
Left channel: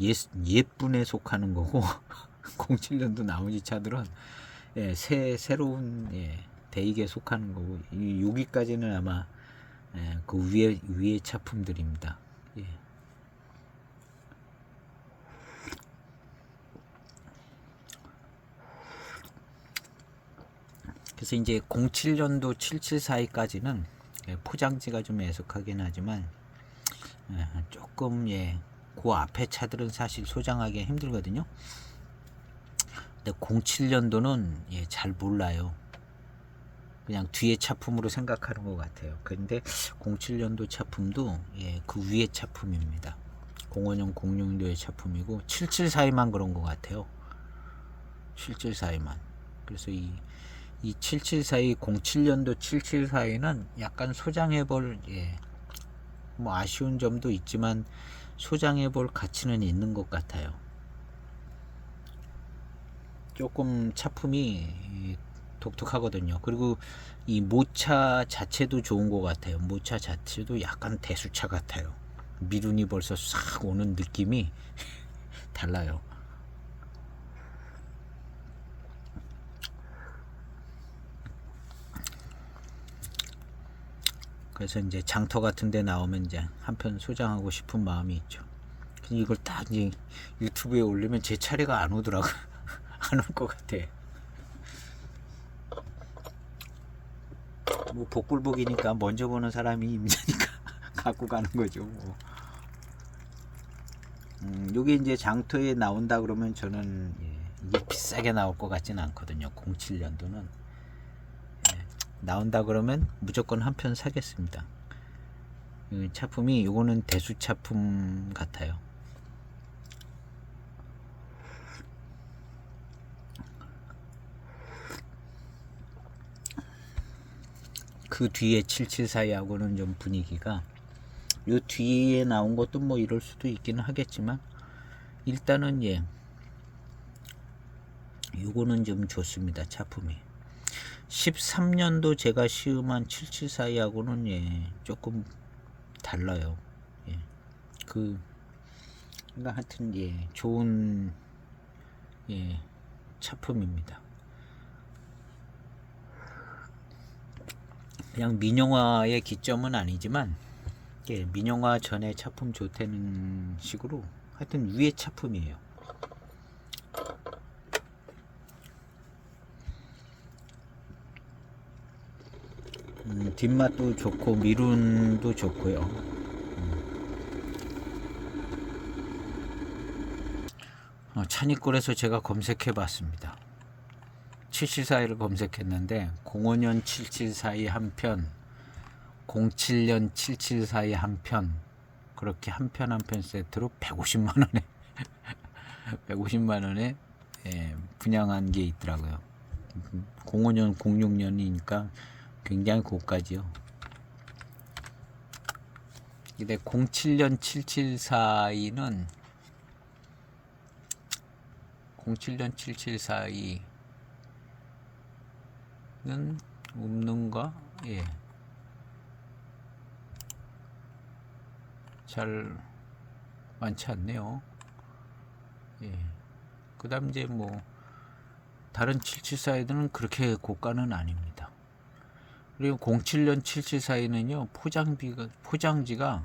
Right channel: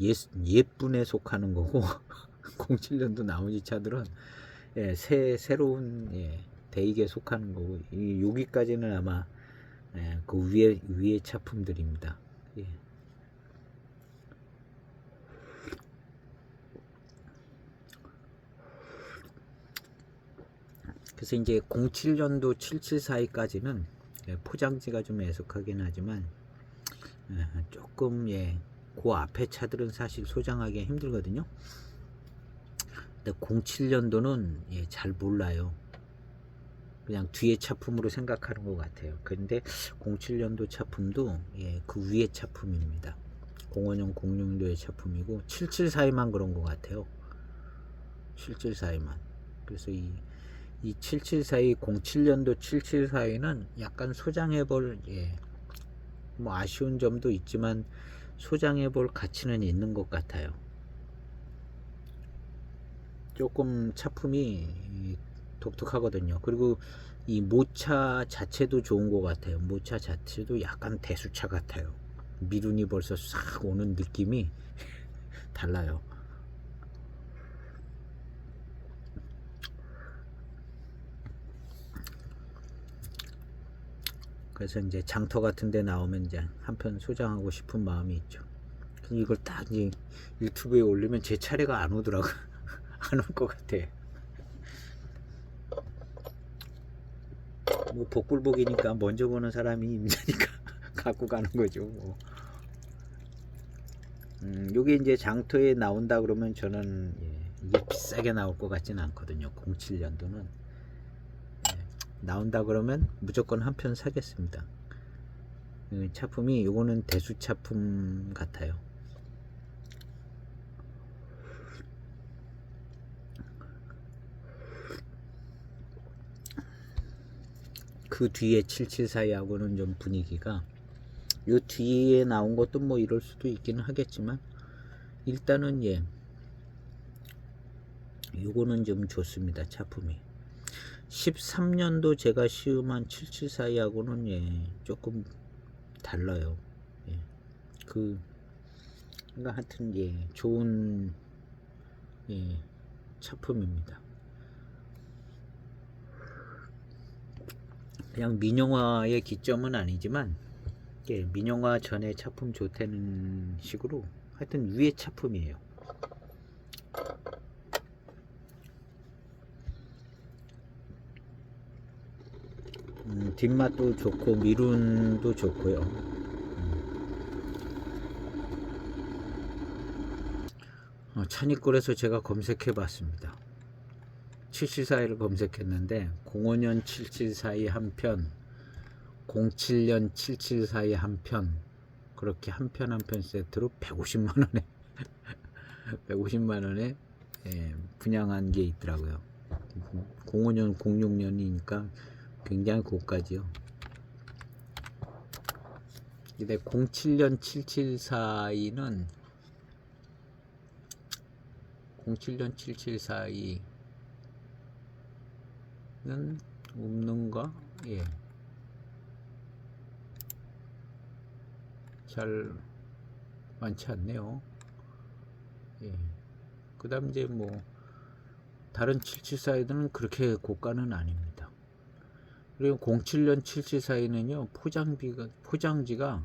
옛분에 속하는 거고 07년도 나머지 차들은 새로운 대익에 속하는 거고 여기까지는 아마 그 위에 차품들입니다. 예. 그래서 이제 07년도 7742까지는 포장지가 좀 애석하긴 하지만 조금 그 앞에 차들은 사실 소장하기 힘들거든요. 근데 07년도는 잘 몰라요. 그냥 뒤에 차품으로 생각하는 것 같아요. 근데 07년도 차품도 그 위에 차품입니다. 05년 06년도의 차품이고 7742만 그런 것 같아요. 7742만. 그래서 이 7742 07년도 7742는 약간 소장해볼 뭐 아쉬운 점도 있지만 소장해볼 가치는 있는 것 같아요. 조금 차품이 독특하거든요. 그리고 이 모차 자체도 좋은 것 같아요. 모차 자체도 약간 대수차 같아요. 미룬이 벌써 싹 오는 느낌이 달라요. 그래서 이제 장터 같은 데 나오면 이제 한편 소장하고 싶은 마음이 있죠. 이걸 딱 이제 유튜브에 올리면 제 차례가 안 오더라고. 안 올 것 같아. 뭐 복불복이니까 먼저 보는 사람이 임자니까 갖고 가는 거죠. 뭐. 요게 이제 장터에 나온다 그러면 저는 이게 비싸게 나올 것 같지는 않거든요. 07년도는 나온다 그러면 무조건 한 편 사겠습니다. 차품이 요거는 대수 차품 같아요. 그 뒤에 7742하고는 좀 분위기가 요 뒤에 나온 것도 뭐 이럴 수도 있기는 하겠지만 일단은 요거는 좀 좋습니다. 차품이 13년도 제가 시음한 7742하고는 조금 달라요. 그러니까 하여튼 좋은 차품입니다. 그냥 민영화의 기점은 아니지만 민영화 전에 차품 좋다는 식으로 하여튼 위에 차품이에요. 뒷맛도 좋고 미룬도 좋고요. 찬이꼴에서 제가 검색해 봤습니다. 7742를 검색했는데 05년 7742 한편 07년 7742 한편 그렇게 한 편 한 편 세트로 150만원에 150만원에 분양한 게 있더라고요. 05년 06년이니까 굉장히 고가지요. 근데 07년 7742는 07년 7742는 없는가? 잘 많지 않네요. 그 다음 이제 뭐 다른 7742들은 그렇게 고가는 아닙니다. 그리고 07년 7742는요 포장지가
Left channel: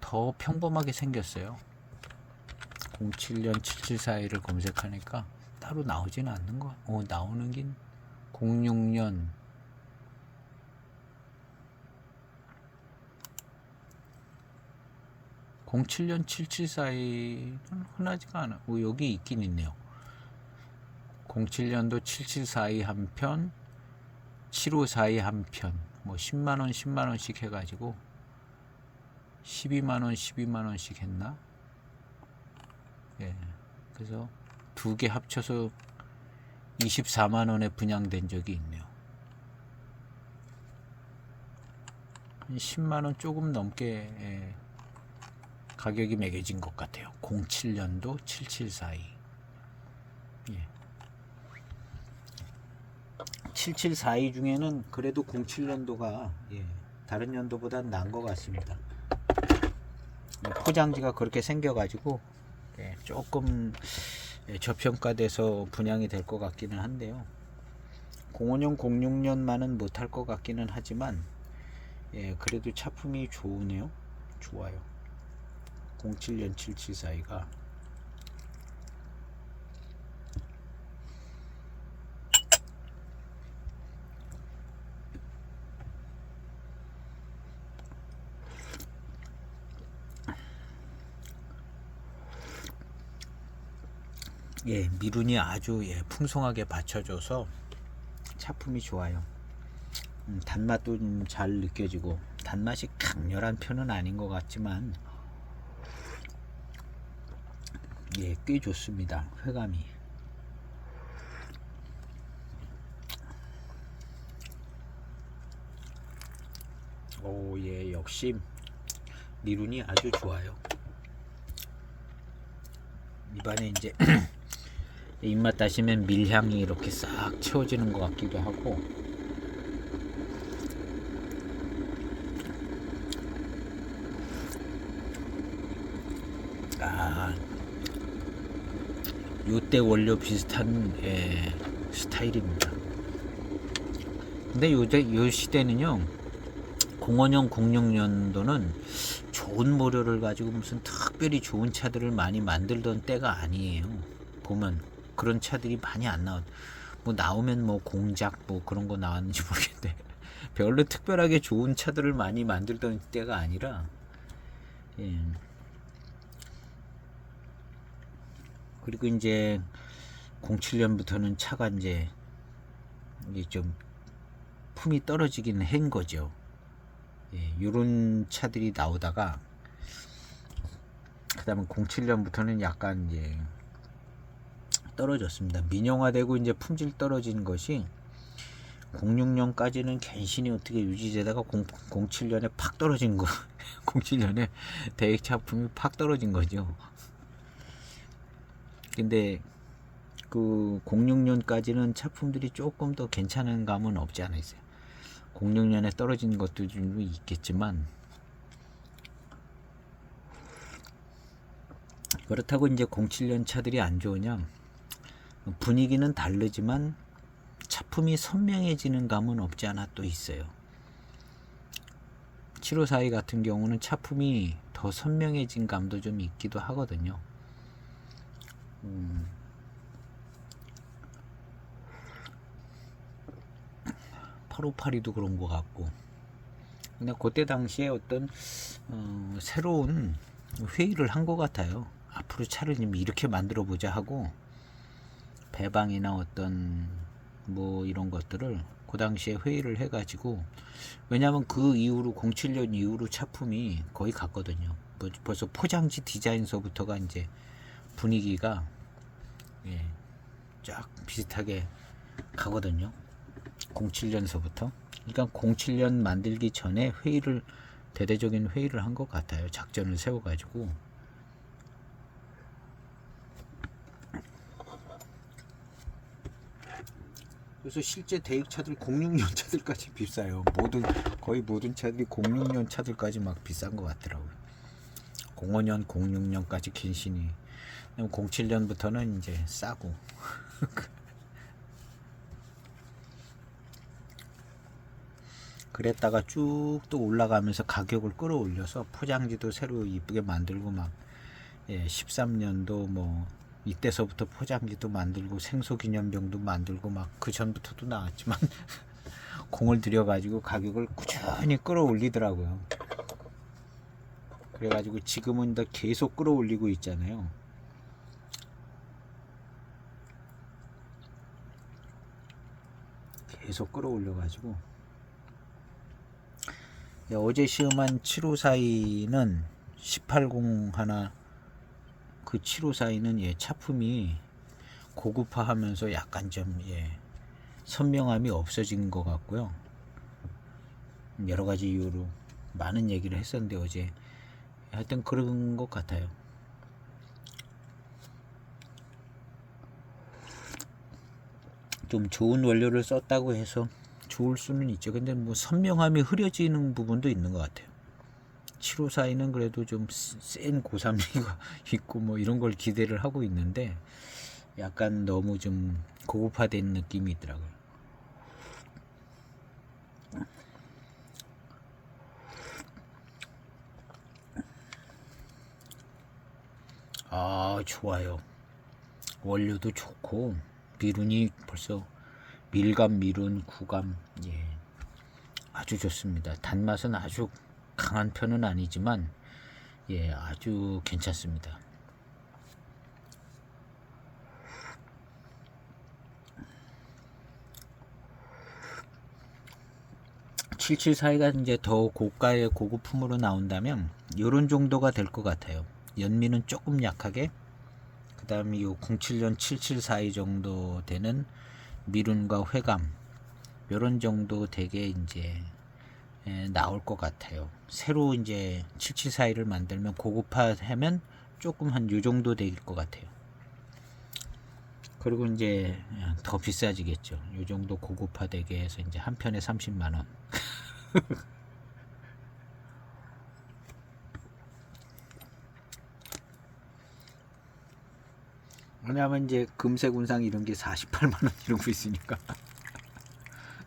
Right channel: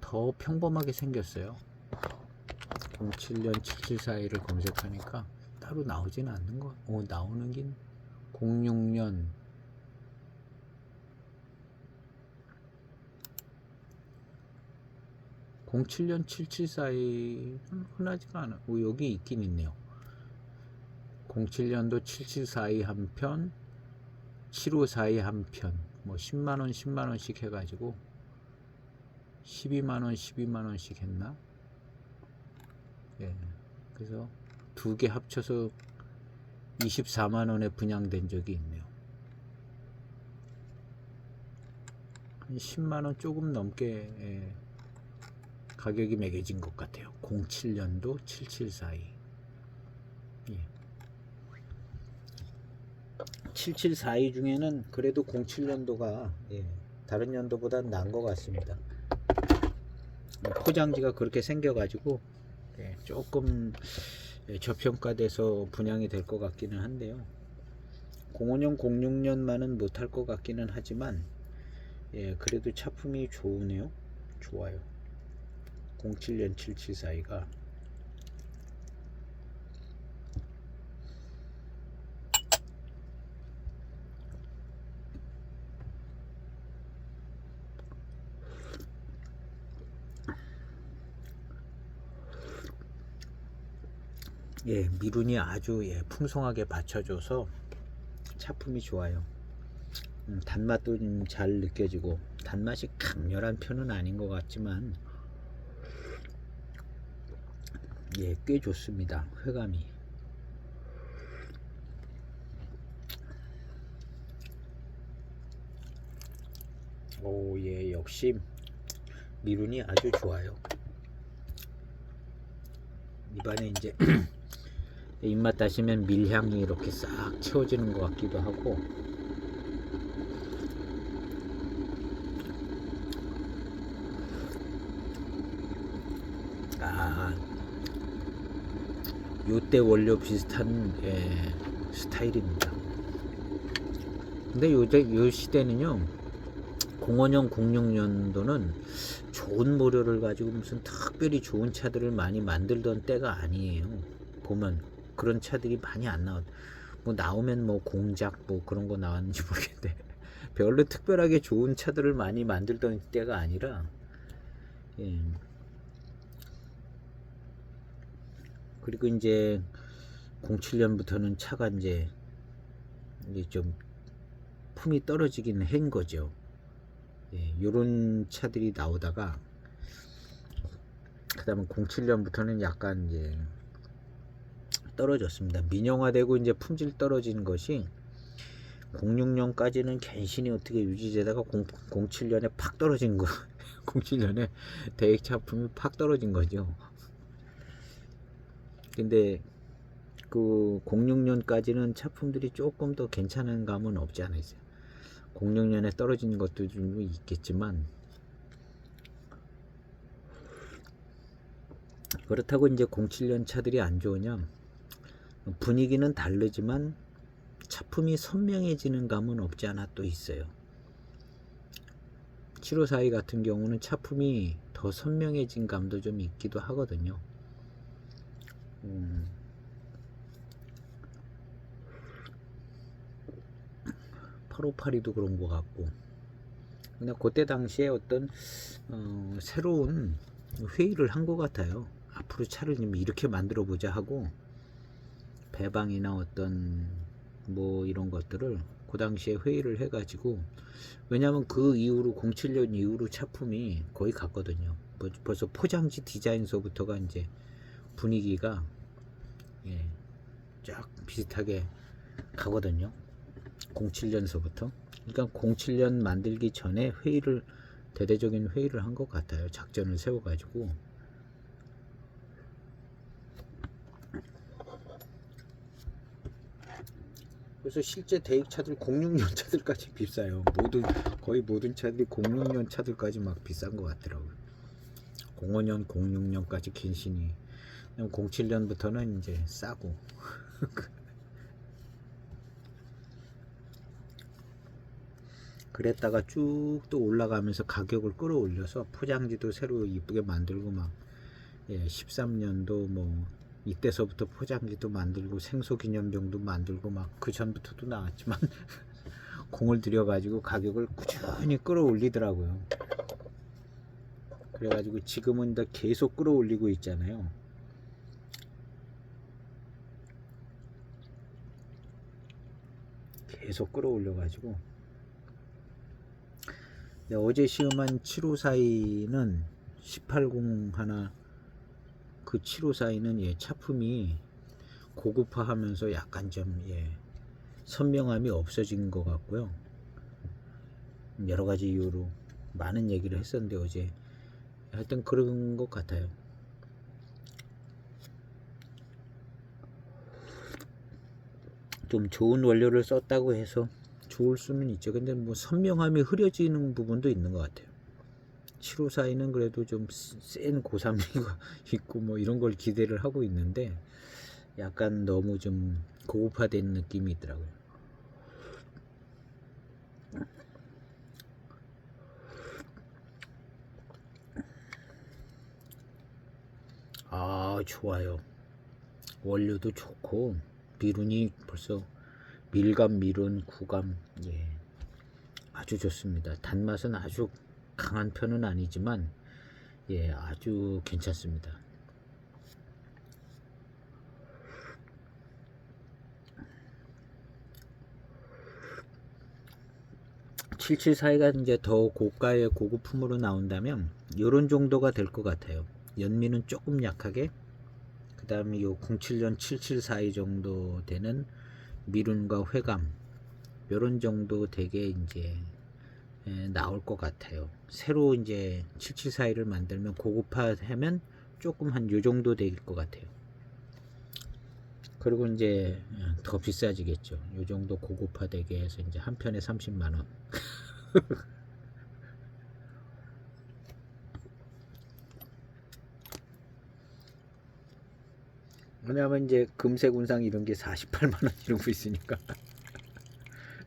더 평범하게 생겼어요. 07년 7742를 검색하니까 따로 나오지는 않는 거. 나오는 긴 06년 07년 7742는 흔하지가 않아. 여기 있긴 있네요. 07년도 7742 한편 7542 한편 뭐 10만원 10만원씩 해가지고 12만원 12만원씩 했나? 그래서 두 개 합쳐서 24만원에 분양된 적이 있네요. 10만원 조금 넘게 가격이 매겨진 것 같아요. 07년도 7742. 7742 중에는 그래도 07년도가 다른 연도보다 나은 것 같습니다. 포장지가 그렇게 생겨가지고 조금 저평가돼서 분양이 될 것 같기는 한데요. 05년 06년만은 못할 것 같기는 하지만 그래도 차품이 좋으네요. 좋아요. 07년 7742가 미룬이 아주 풍성하게 받쳐줘서 차품이 좋아요. 단맛도 잘 느껴지고, 단맛이 강렬한 편은 아닌 것 같지만 꽤 좋습니다. 회감이. 역시 미룬이 아주 좋아요. 입안에 이제 입맛 다시면 밀향이 이렇게 싹 채워지는 것 같기도 하고, 요때 원료 비슷한 스타일입니다. 근데 요 시대는요, 05년 06년도는 좋은 모료를 가지고 무슨 특별히 좋은 차들을 많이 만들던 때가 아니에요. 보면 그런 차들이 많이 안 나와. 뭐 나오면 뭐 공작 뭐 그런 거 나왔는지 모르겠는데 별로 특별하게 좋은 차들을 많이 만들던 때가 아니라, 그리고 이제 07년부터는 차가 이제 좀 품이 떨어지긴 한 거죠. 요런 차들이 나오다가, 그 다음에 07년부터는 약간 이제 떨어졌습니다. 민영화되고 이제 품질 떨어지는 것이 06년까지는 간신히 어떻게 유지되다가 07년에 팍 떨어진 거. 07년에 대액 차품이 팍 떨어진 거죠. 근데 그 06년까지는 차품들이 조금 더 괜찮은 감은 없지 않아 있어요. 06년에 떨어진 것도 좀 있겠지만, 그렇다고 이제 07년 차들이 안 좋으냐? 분위기는 다르지만 차품이 선명해지는 감은 없지 않아 또 있어요. 7542 같은 경우는 차품이 더 선명해진 감도 좀 있기도 하거든요. 8582도 그런 것 같고. 근데 그때 당시에 어떤 새로운 회의를 한 것 같아요. 앞으로 차를 좀 이렇게 만들어 보자 하고, 배방이나 어떤 뭐 이런 것들을 그 당시에 회의를 해가지고, 왜냐하면 그 이후로 07년 이후로 차품이 거의 같거든요. 벌써 포장지 디자인서부터가 이제 분위기가 쫙 비슷하게 가거든요. 07년서부터. 그러니까 07년 만들기 전에 대대적인 회의를 한 것 같아요. 작전을 세워가지고. 그래서 실제 대익차들 06년 차들까지 비싸요. 거의 모든 차들이 06년 차들까지 막 비싼 것 같더라고요. 05년 06년까지 긴신이. 07년부터는 이제 싸고. 그랬다가 쭉 또 올라가면서 가격을 끌어올려서 포장지도 새로 이쁘게 만들고 막 13년도 뭐 이때서부터 포장지도 만들고 생소기념병도 만들고 막 그 전부터도 나왔지만 공을 들여가지고 가격을 꾸준히 끌어올리더라고요. 그래가지고 지금은 더 계속 끌어올리고 있잖아요. 계속 끌어올려가지고, 어제 시음한 7542는 180 하나, 그 7542는 차품이 고급화하면서 약간 좀 선명함이 없어진 것 같고요. 여러 가지 이유로 많은 얘기를 했었는데 어제 하여튼 그런 것 같아요. 좀 좋은 원료를 썼다고 해서 좋을 수는 있죠. 근데 뭐 선명함이 흐려지는 부분도 있는 것 같아요. 754는 그래도 좀 센 고산미가 있고 뭐 이런 걸 기대를 하고 있는데 약간 너무 좀 고급화된 느낌이 있더라고요. 아, 좋아요. 원료도 좋고 미룬이 벌써 밀감, 미룬, 구감, 예, 아주 좋습니다. 단맛은 아주 강한 편은 아니지만 예, 아주 괜찮습니다. 774가 이제 더 고가의 고급품으로 나온다면 이런 정도가 될 것 같아요. 연미는 조금 약하게, 그 다음에 요 07년 7742 정도 되는 미룬과 회감, 요런 정도 되게 이제 나올 것 같아요. 새로 이제 7742를 만들면 고급화하면 조금 한 요 정도 될 것 같아요. 그리고 이제 더 비싸지겠죠. 요 정도 고급화되게 해서 이제 한 편에 30만 원. 왜냐하면 이제 금색 운상 이런 게 48만 원 이러고 있으니까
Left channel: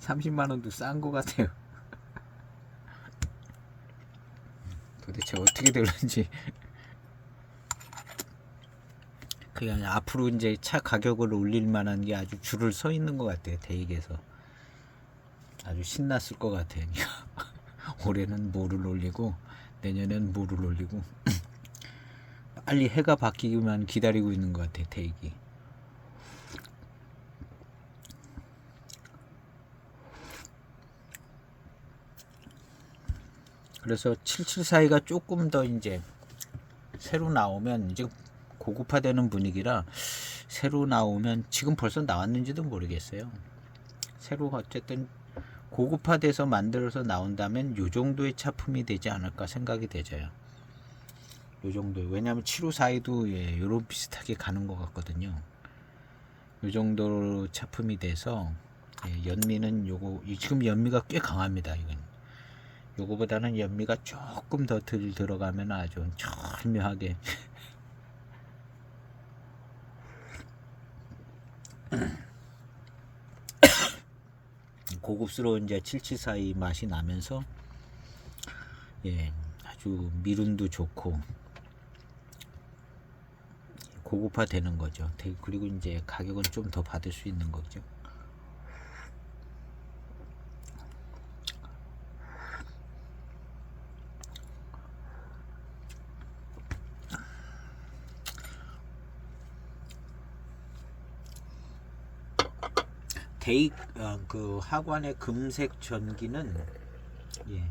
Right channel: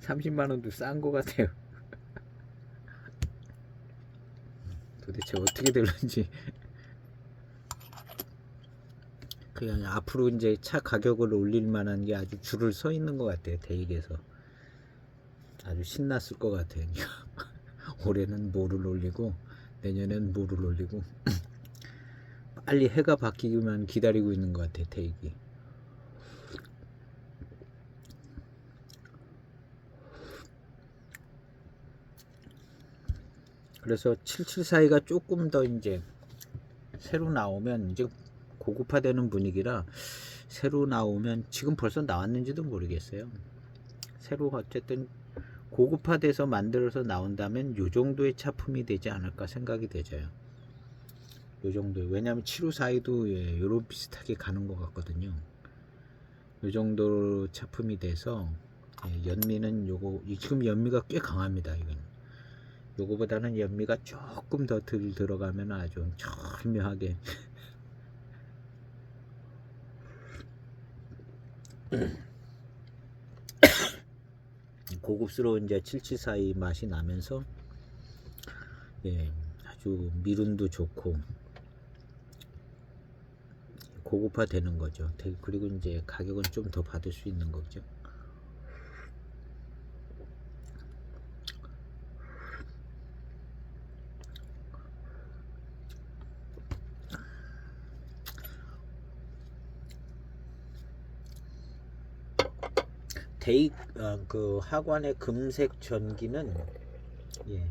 30만 원도 싼 것 같아요. 도대체 어떻게 될런지. 그냥 앞으로 이제 차 가격을 올릴 만한 게 아주 줄을 서 있는 것 같아요. 대익에서 아주 신났을 것 같아요. 올해는 뭐를 올리고 내년엔 뭐를 올리고 빨리 해가 바뀌기만 기다리고 있는 것 같아요. 대익이. 그래서 7742가 조금 더 이제 새로 나오면 이제 고급화되는 분위기라 새로 나오면 지금 벌써 나왔는지도 모르겠어요. 새로 어쨌든 고급화돼서 만들어서 나온다면 요 정도의 차품이 되지 않을까 생각이 되져요. 요 정도. 왜냐하면 7542도 예, 요런 비슷하게 가는 것 같거든요. 요 정도 차품이 돼서 예, 연미는 요거 지금 연미가 꽤 강합니다. 이건. 요거보다는 연미가 조금 더 덜 들어가면 아주 절묘하게 고급스러운 이제 7742 맛이 나면서 예, 아주 미름도 좋고 고급화 되는 거죠. 그리고 이제 가격은 좀 더 받을 수 있는 거죠. 대익 그 하관의 금색 전기는 예,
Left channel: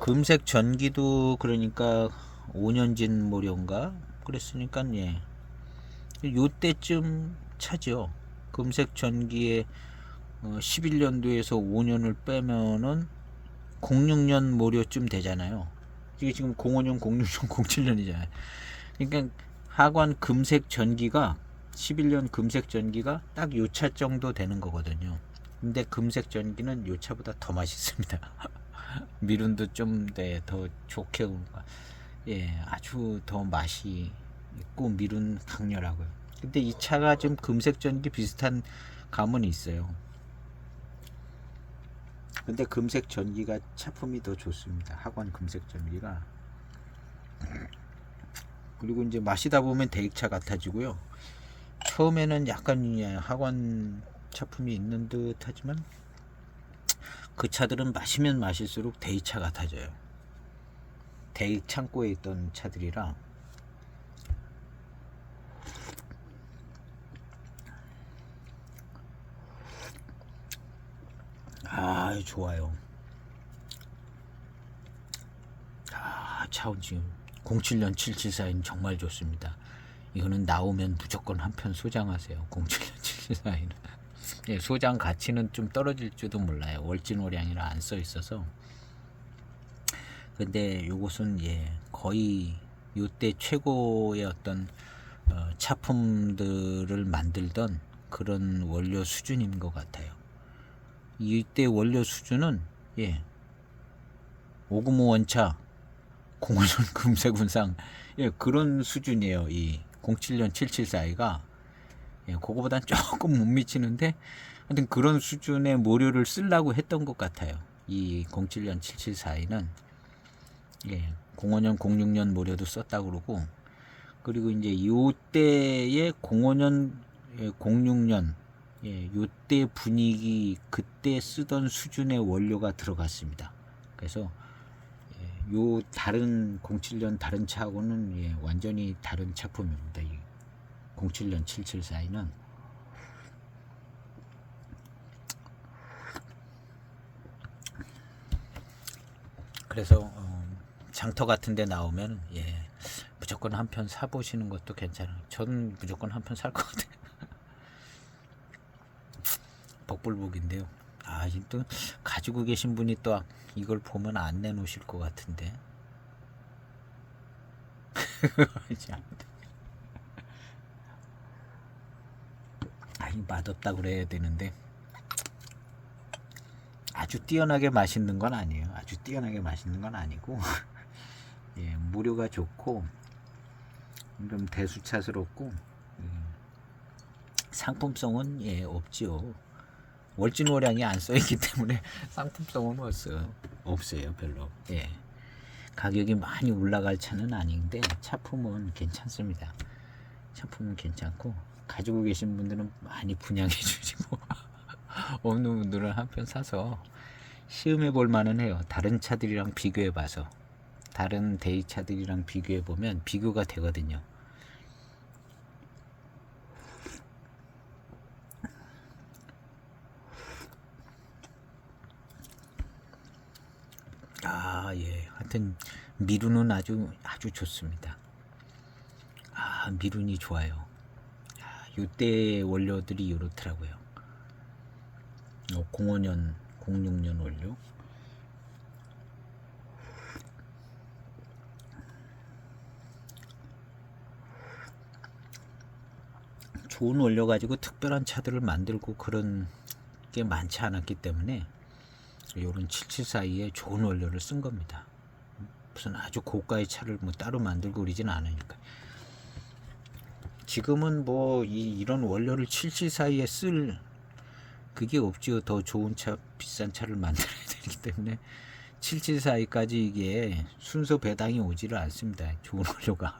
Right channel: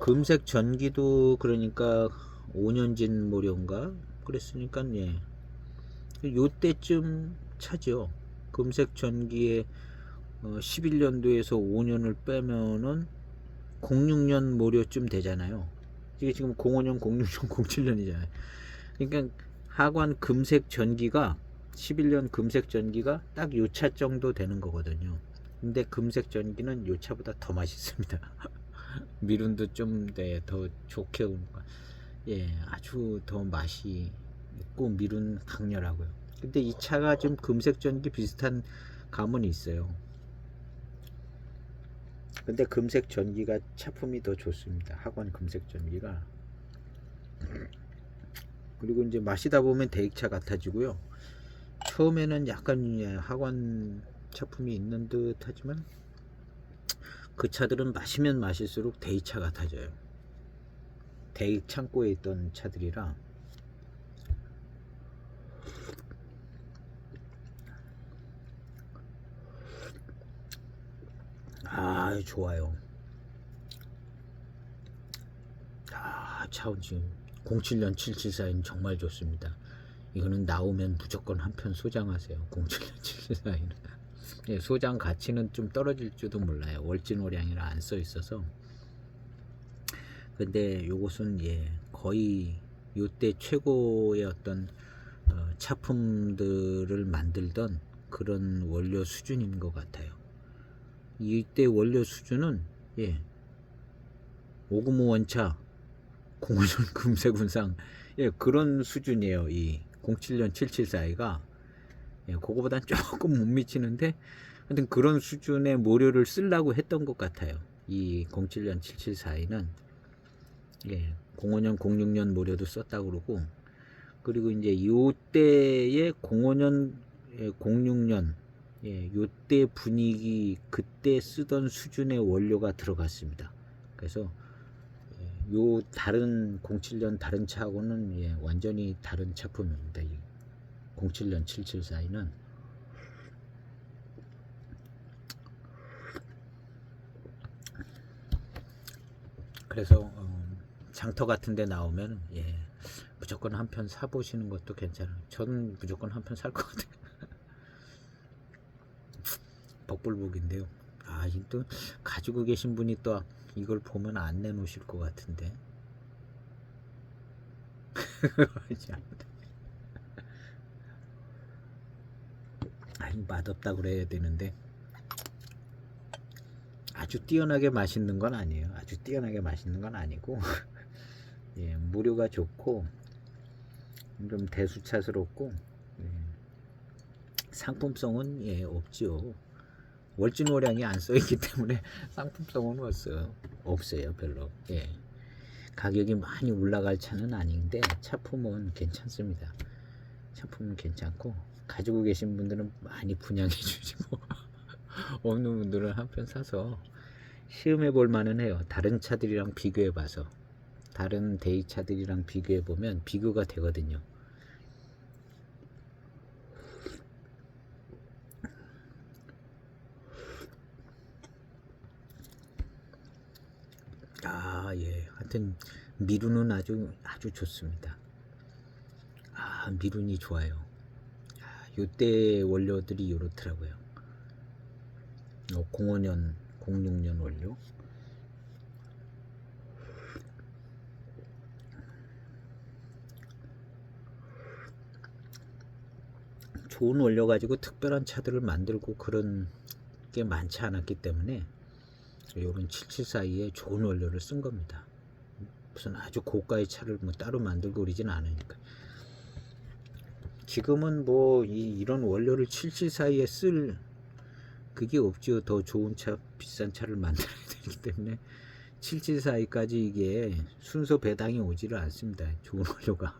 금색 전기도 그러니까 5년 진 모련가 그랬으니까 예, 요때쯤 차죠. 금색 전기에 11년도에서 5년을 빼면은 06년 모료쯤 되잖아요. 이게 지금 05년, 06년, 07년이잖아요. 그러니까 하관 금색 전기가 11년 금색 전기가 딱 요 차 정도 되는 거거든요. 근데 금색 전기는 요 차보다 더 맛있습니다. 미룬도 좀 더 좋게 예, 아주 더 맛이 있고 미룬 강렬하고요. 근데 이 차가 지금 금색 전기 비슷한 감은 있어요. 근데 금색 전기가 차품이 더 좋습니다. 하관 금색 전기가. 그리고 이제 마시다 보면 대익차 같아지고요. 처음에는 약간 하관 차품이 있는 듯 하지만 그 차들은 마시면 마실수록 대익차 같아져요. 대익 창고에 있던 차들이라. 아, 좋아요. 아, 차 지금 07년 774인 정말 좋습니다. 이거는 나오면 무조건 한 편 소장하세요. 07년 774는 예, 소장 가치는 좀 떨어질지도 몰라요. 월진오량이라 안 써 있어서. 근데 요것은 예, 거의 요때 최고의 어떤 차품들을 만들던 그런 원료 수준인 것 같아요. 이때 원료 수준은 오금오 원차, 05년 금세군상 그런 수준이에요. 이 07년 774가 그거보단 조금 못 미치는데 하여튼 그런 수준의 모료를 쓰려고 했던 것 같아요. 이 07년 774는 05년 06년 모료도 썼다고 그러고, 그리고 이제 요때의 05년 06년 요때 분위기 그때 쓰던 수준의 원료가 들어갔습니다. 그래서 요 다른 07년 다른 차하고는 완전히 다른 차품입니다. 이 07년 774는 그래서 장터 같은 데 나오면 무조건 한 편 사보시는 것도 괜찮아요. 저는 무조건 한 편 살 것 같아요. 복불복인데요. 또 가지고 계신 분이 또 이걸 보면 안 내놓으실 것 같은데. 맛없다 그래야 되는데 아주 뛰어나게 맛있는 건 아니에요. 아주 뛰어나게 맛있는 건 아니고 모료가 좋고 좀 대수차스럽고 상품성은 없지요. 월진호량이 안 써있기 때문에 상품성은 없어요 별로. 가격이 많이 올라갈 차는 아닌데 차품은 괜찮습니다. 차품은 괜찮고 가지고 계신 분들은 많이 분양해 주시고 없는 분들은 한 편 사서 시음해 볼 만은 해요. 다른 차들이랑 비교해 봐서, 다른 대이차들이랑 비교해 보면 비교가 되거든요. 하여튼 미루는 아주 좋습니다. 미룬이 좋아요. 요때 원료들이 이렇더라고요. 05년 06년 원료 좋은 원료 가지고 특별한 차들을 만들고 그런 게 많지 않았기 때문에 요런 774에 좋은 원료를 쓴 겁니다. 무슨 아주 고가의 차를 뭐 따로 만들고 그러진 않으니까. 지금은 뭐 이런 원료를 774에 쓸 그게 없죠. 더 좋은 차, 비싼 차를 만들어야 되기 때문에 774까지 이게 순서 배당이 오지를 않습니다. 좋은 원료가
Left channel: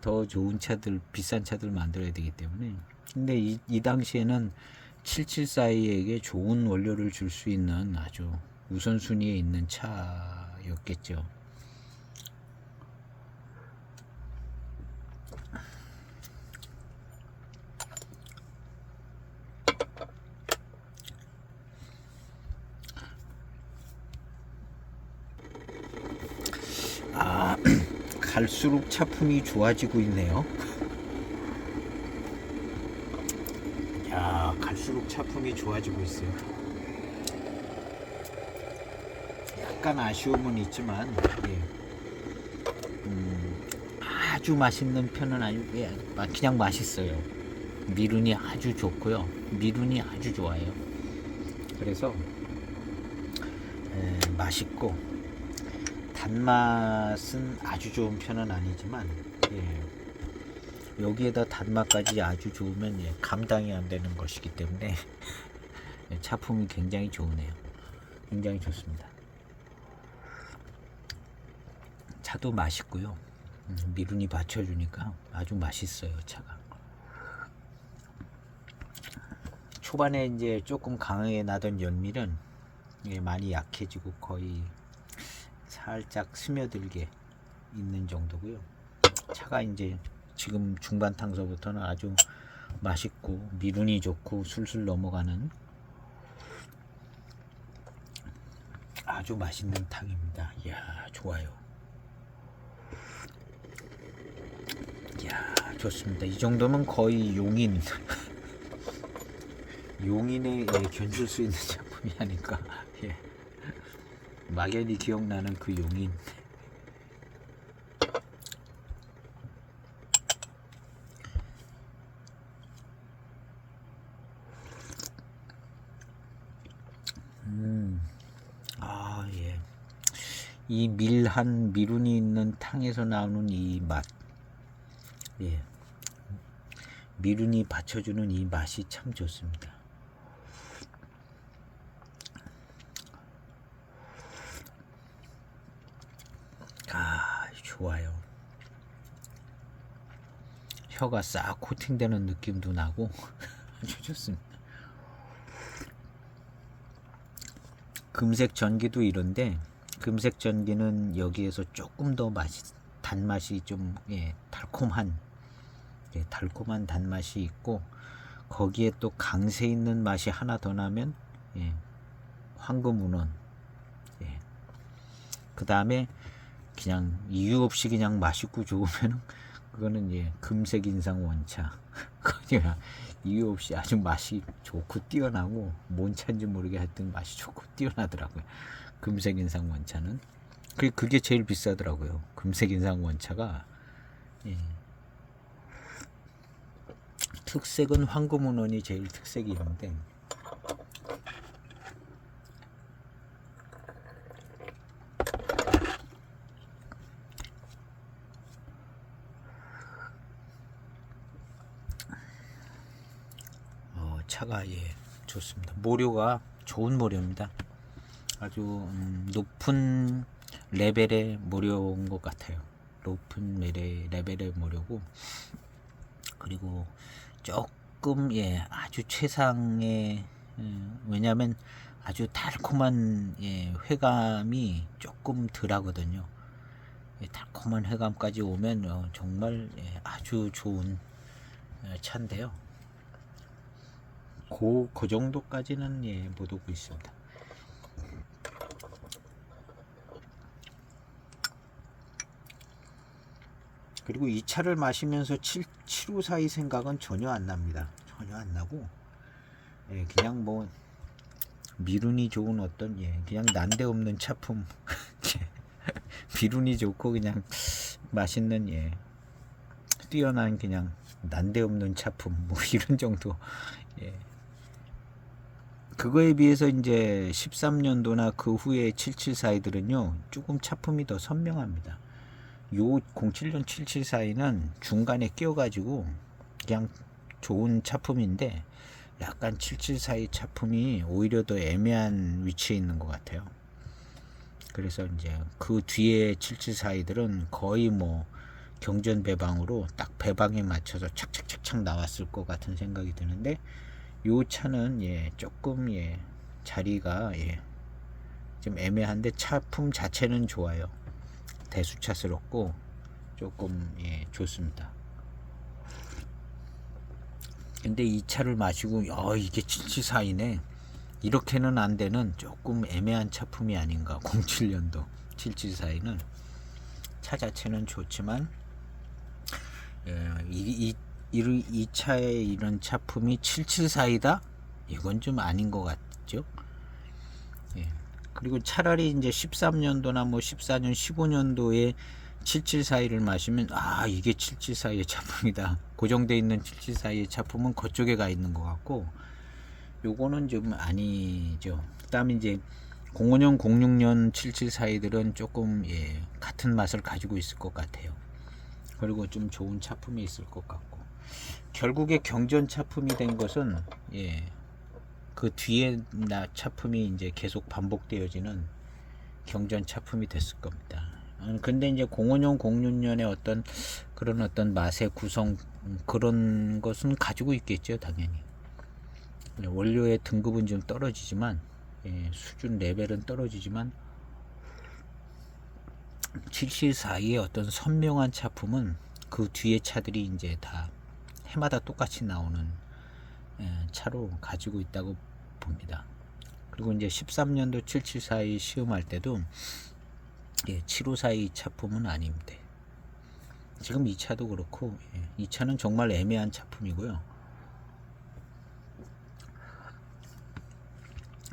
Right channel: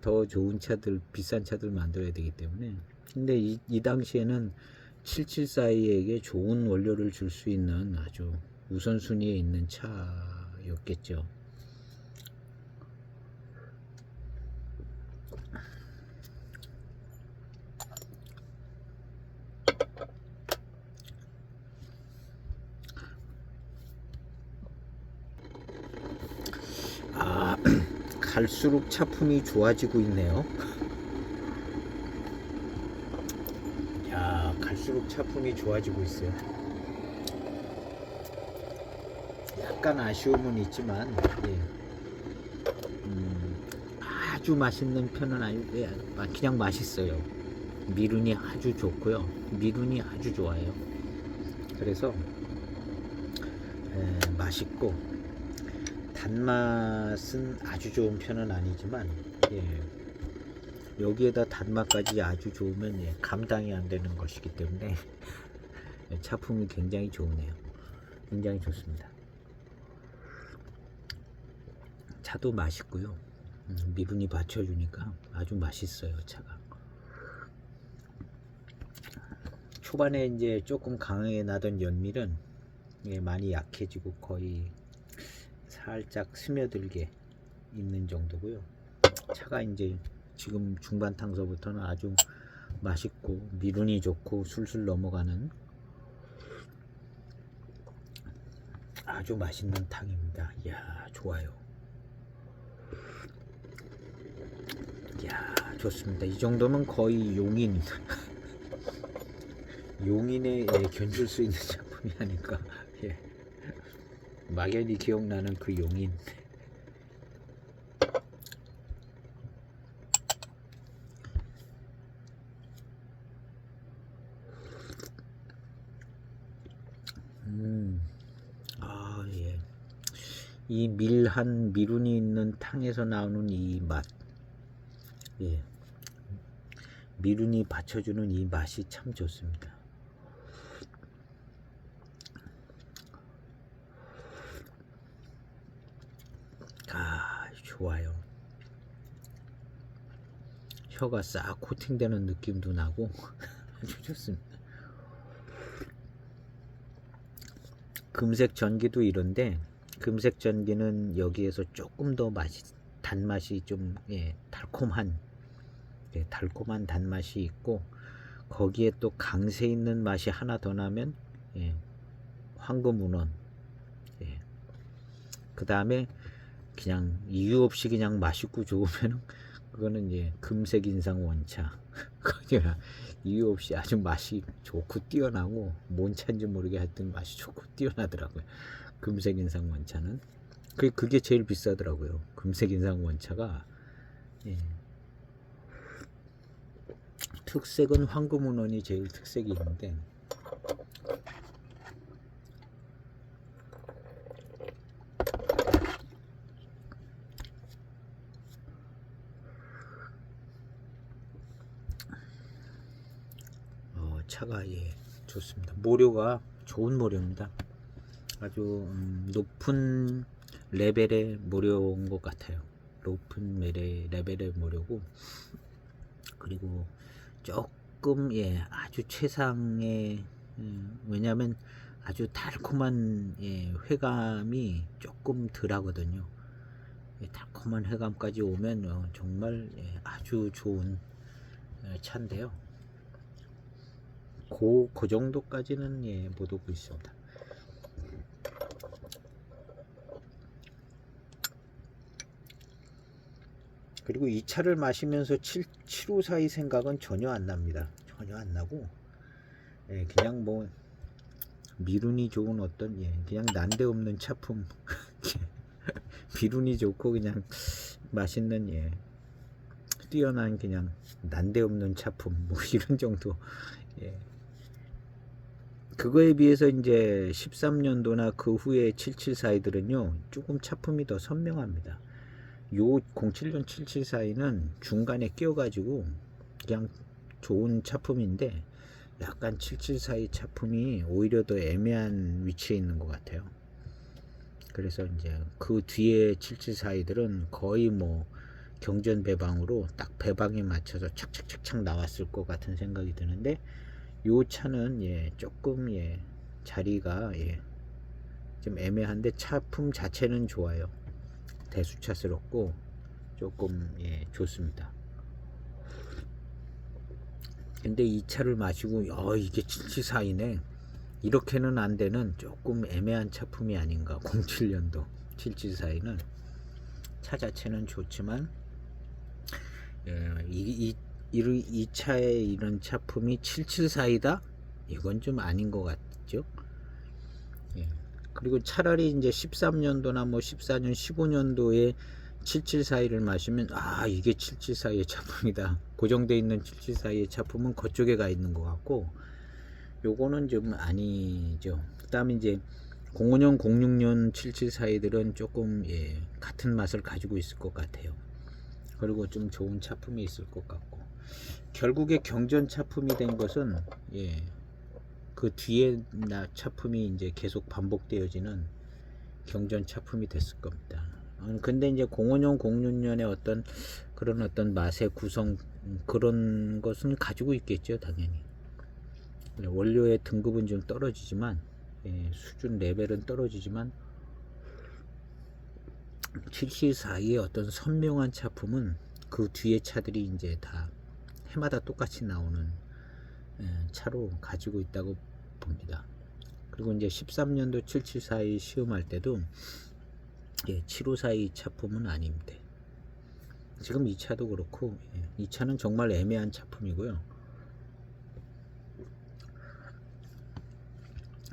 더 좋은 차들, 비싼 차들 만들어야 되기 때문에. 근데 이 당시에는 774에게 좋은 원료를 줄 수 있는 아주 우선순위에 있는 차였겠죠. 갈수록 차품이 좋아지고 있네요. 갈수록 차품이 좋아지고 있어요. 약간 아쉬움은 있지만 아주 맛있는 편은 아니고 그냥 맛있어요. 미룬이 아주 좋고요. 미룬이 아주 좋아요. 그래서 맛있고 단맛은 아주 좋은 편은 아니지만 여기에다 단맛까지 아주 좋으면 감당이 안 되는 것이기 때문에 차품이 굉장히 좋네요. 굉장히 좋습니다. 차도 맛있고요. 미룬이 받쳐주니까 아주 맛있어요. 차가 초반에 이제 조금 강하게 나던 연밀은 많이 약해지고 거의 살짝 스며들게 있는 정도고요. 차가 이제 지금 중반 탕서부터는 아주 맛있고 미룬이 좋고 술술 넘어가는 아주 맛있는 탕입니다. 이야, 좋아요. 이야, 좋습니다. 이 정도면 거의 용인 용인에 견줄 수 있는 작품이 아닐까. 막연히 기억나는 그 용인. 이 밀한 미룬이 있는 탕에서 나오는 이 맛, 예, 미룬이 받쳐주는 이 맛이 참 좋습니다. 아, 좋아요. 혀가 싹 코팅되는 느낌도 나고 아주 좋습니다. 금색 전기도 이런데, 금색 전기는 여기에서 조금 더 단맛이 좀, 예, 달콤한, 예, 달콤한 단맛이 있고, 거기에 또 강세 있는 맛이 하나 더 나면, 예, 황금운원. 예. 그 다음에 그냥 이유 없이 그냥 맛있고 좋으면 그거는, 예, 금색 인상 원차. 그냥 이유 없이 아주 맛이 좋고 뛰어나고, 뭔 차인지 모르게 하여튼 맛이 좋고 뛰어나더라고요. 금색 인상 원차는 그게 제일 비싸더라고요. 금색 인상 원차가. 예. 특색은 황금운원이 제일 특색이 있는데, 차가, 예, 좋습니다. 모료가 좋은 모료입니다. 아주 높은 레벨의 모료인 것 같아요. 높은 레벨의 모료고, 그리고 조금, 예, 아주 최상의, 왜냐하면 아주 달콤한, 예, 회감이 조금 덜하거든요. 예, 달콤한 회감까지 오면 정말, 예, 아주 좋은 차인데요. 그 정도까지는, 예, 못 오고 있습니다. 그리고 이 차를 마시면서 754의 생각은 전혀 안 납니다. 전혀 안 나고, 예, 그냥 뭐 미룬이 좋은 어떤, 예, 그냥 난데없는 차품. 미룬이 좋고 그냥 맛있는, 예, 뛰어난 그냥 난데없는 차품, 뭐 이런 정도. 예. 그거에 비해서 이제 13년도나 그 후에 774이들은요 조금 차품이 더 선명합니다. 요 07년 774는 중간에 끼어가지고 그냥 좋은 차품인데, 약간 774의 차품이 오히려 더 애매한 위치에 있는 것 같아요. 그래서 이제 그 뒤에 774이들은 거의 뭐 경전 배방으로 딱 배방에 맞춰서 착착착착 나왔을 것 같은 생각이 드는데, 요 차는, 예, 조금, 예, 자리가, 예, 좀 애매한데 차품 자체는 좋아요. 대수차스럽고 조금, 예, 좋습니다. 근데 이 차를 마시고 이게 774이네, 이렇게는 안 되는 조금 애매한 차품이 아닌가. 07년도 774는 차 자체는 좋지만, 이 차의 이런 차품이 774이다? 이건 좀 아닌 것 같죠. 예. 그리고 차라리 이제 13년도나 뭐 14년, 15년도에 774를 마시면, 이게 774의 차품이다. 고정되어 있는 774의 차품은 그쪽에 가 있는 것 같고, 요거는 좀 아니죠. 그 다음에 이제 05년, 06년 774들은 조금, 예, 같은 맛을 가지고 있을 것 같아요. 그리고 좀 좋은 차품이 있을 것 같고, 결국에 경전 차품이 된 것은, 예, 그 뒤에 차품이 이제 계속 반복되어지는 경전 차품이 됐을 겁니다. 근데 이제 05년, 06년의 그런 어떤 맛의 구성, 그런 것은 가지고 있겠죠, 당연히. 원료의 등급은 좀 떨어지지만, 예, 수준 레벨은 떨어지지만, 774의 어떤 선명한 차품은 그 뒤에 차들이 이제 다 해마다 똑같이 나오는, 차로 가지고 있다고 봅니다. 그리고 이제 13년도 774의 시음할 때도, 예, 754의 차품은 아닙니다. 지금 이 차도 그렇고, 예, 이 차는 정말 애매한 차품이고요.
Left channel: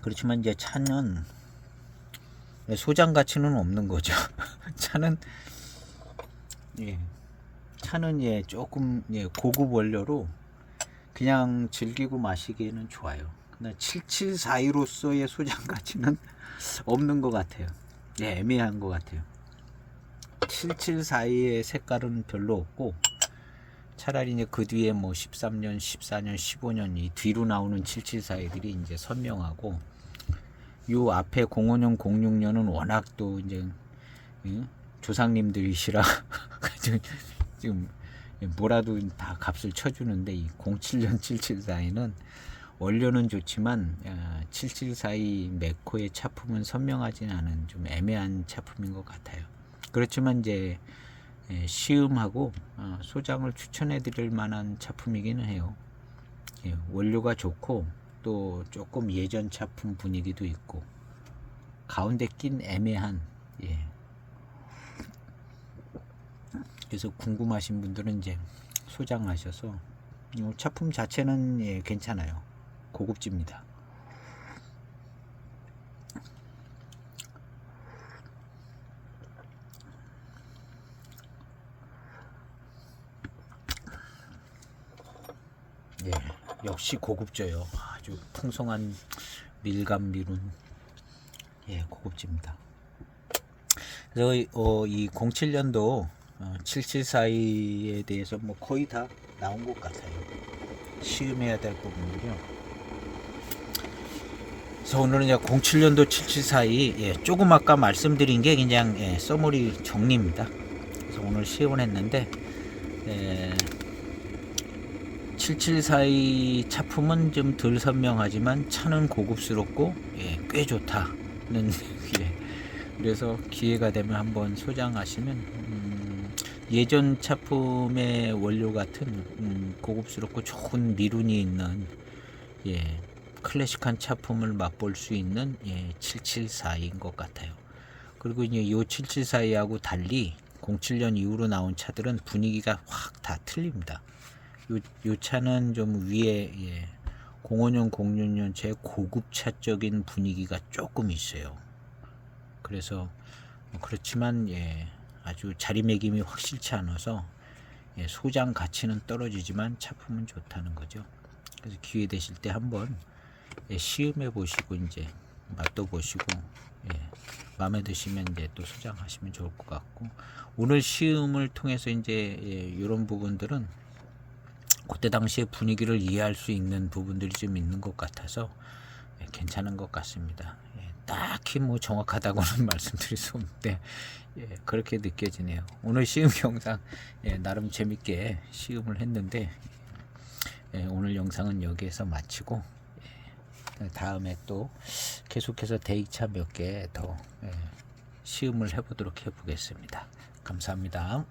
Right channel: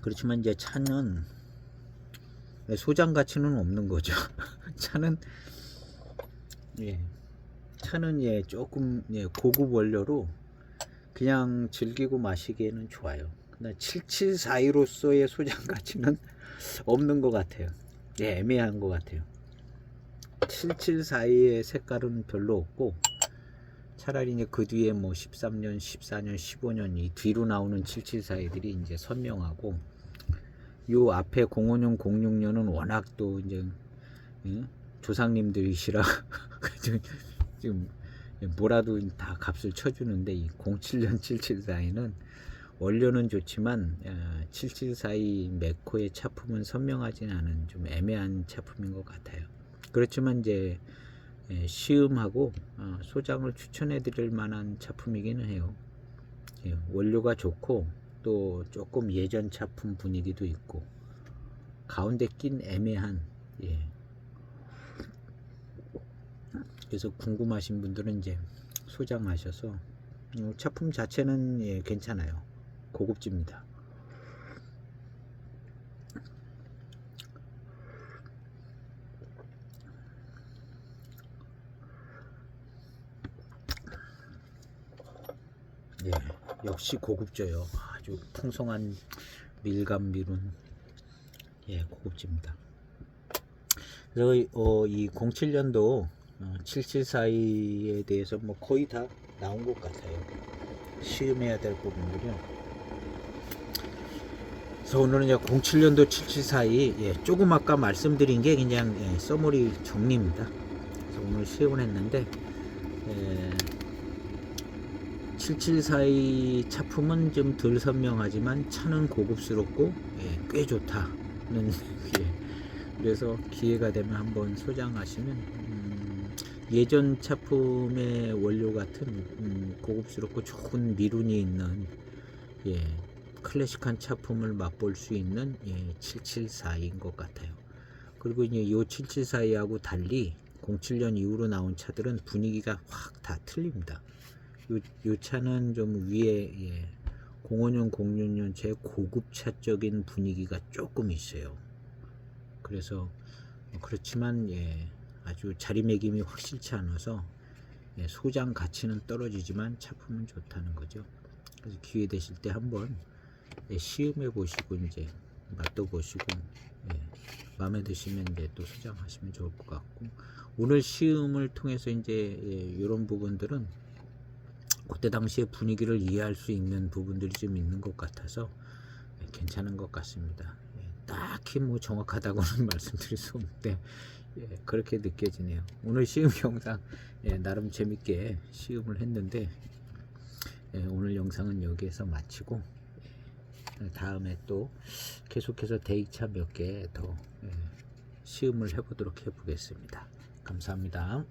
그렇지만 이제 차는 소장 가치는 없는 거죠. 차는, 예, 예, 조금, 예, 고급 원료로 그냥 즐기고 마시기에는 좋아요. 근데 7742로서의 소장 가치는 없는 것 같아요. 애매한 것 같아요. 774의 색깔은 별로 없고, 차라리 이제 그 뒤에 뭐 13년, 14년, 15년 이 뒤로 나오는 774들이 이제 선명하고, 요 앞에 05년, 06년은 워낙 또 이제 조상님들이시라 지금 뭐라도 다 값을 쳐주는데, 이 07년 774에는 원료는 좋지만 7742 매코의 차품은 선명하지는 않은 좀 애매한 차품인 것 같아요. 그렇지만 이제 시음하고 소장을 추천해 드릴 만한 차품이기는 해요. 원료가 좋고 또 조금 예전 차품 분위기도 있고 가운데 낀 애매한, 그래서 궁금하신 분들은 이제 소장하셔서, 차품 자체는 괜찮아요. 고급집니다. 역시 고급져요. 아주 풍성한 밀감 미룬 고급집니다. 그래서 이 07년도 7742에 대해서 뭐 거의 다 나온 것 같아요. 시음해야 될 부분들이요. 그래서 오늘은 07년도 7742 조금 아까 말씀드린 게 그냥 서머리 정리입니다. 그래서 오늘 시음을 했는데 7742 차품은 좀 덜 선명하지만 차는 고급스럽고 꽤 좋다는 그래서 기회가 되면 한번 소장하시면 예전 차품의 원료 같은 고급스럽고 좋은 미룬이 있는 클래식한 차품을 맛볼 수 있는 774인 것 같아요. 그리고 이제 이 774하고 달리 07년 이후로 나온 차들은 분위기가 확 다 틀립니다. 요 차는 좀 위에 05년 06년 제 고급차적인 분위기가 조금 있어요. 그래서 그렇지만 아주 자리매김이 확실치 않아서 소장 가치는 떨어지지만 차품은 좋다는 거죠. 그래서 기회 되실 때 한번 시음해 보시고 이제 맛도 보시고 마음에 드시면 이제 또 소장하시면 좋을 것 같고, 오늘 시음을 통해서 이제 이런 부분들은 그때 당시의 분위기를 이해할 수 있는 부분들이 좀 있는 것 같아서 괜찮은 것 같습니다. 딱히 뭐 정확하다고는 말씀드릴 수 없는데 그렇게 느껴지네요. 오늘 시음 영상 나름 재밌게 시음을 했는데 오늘 영상은 여기에서 마치고 다음에 또 계속해서 대익차 몇 개 더 시음을 해보도록 해보겠습니다. 감사합니다.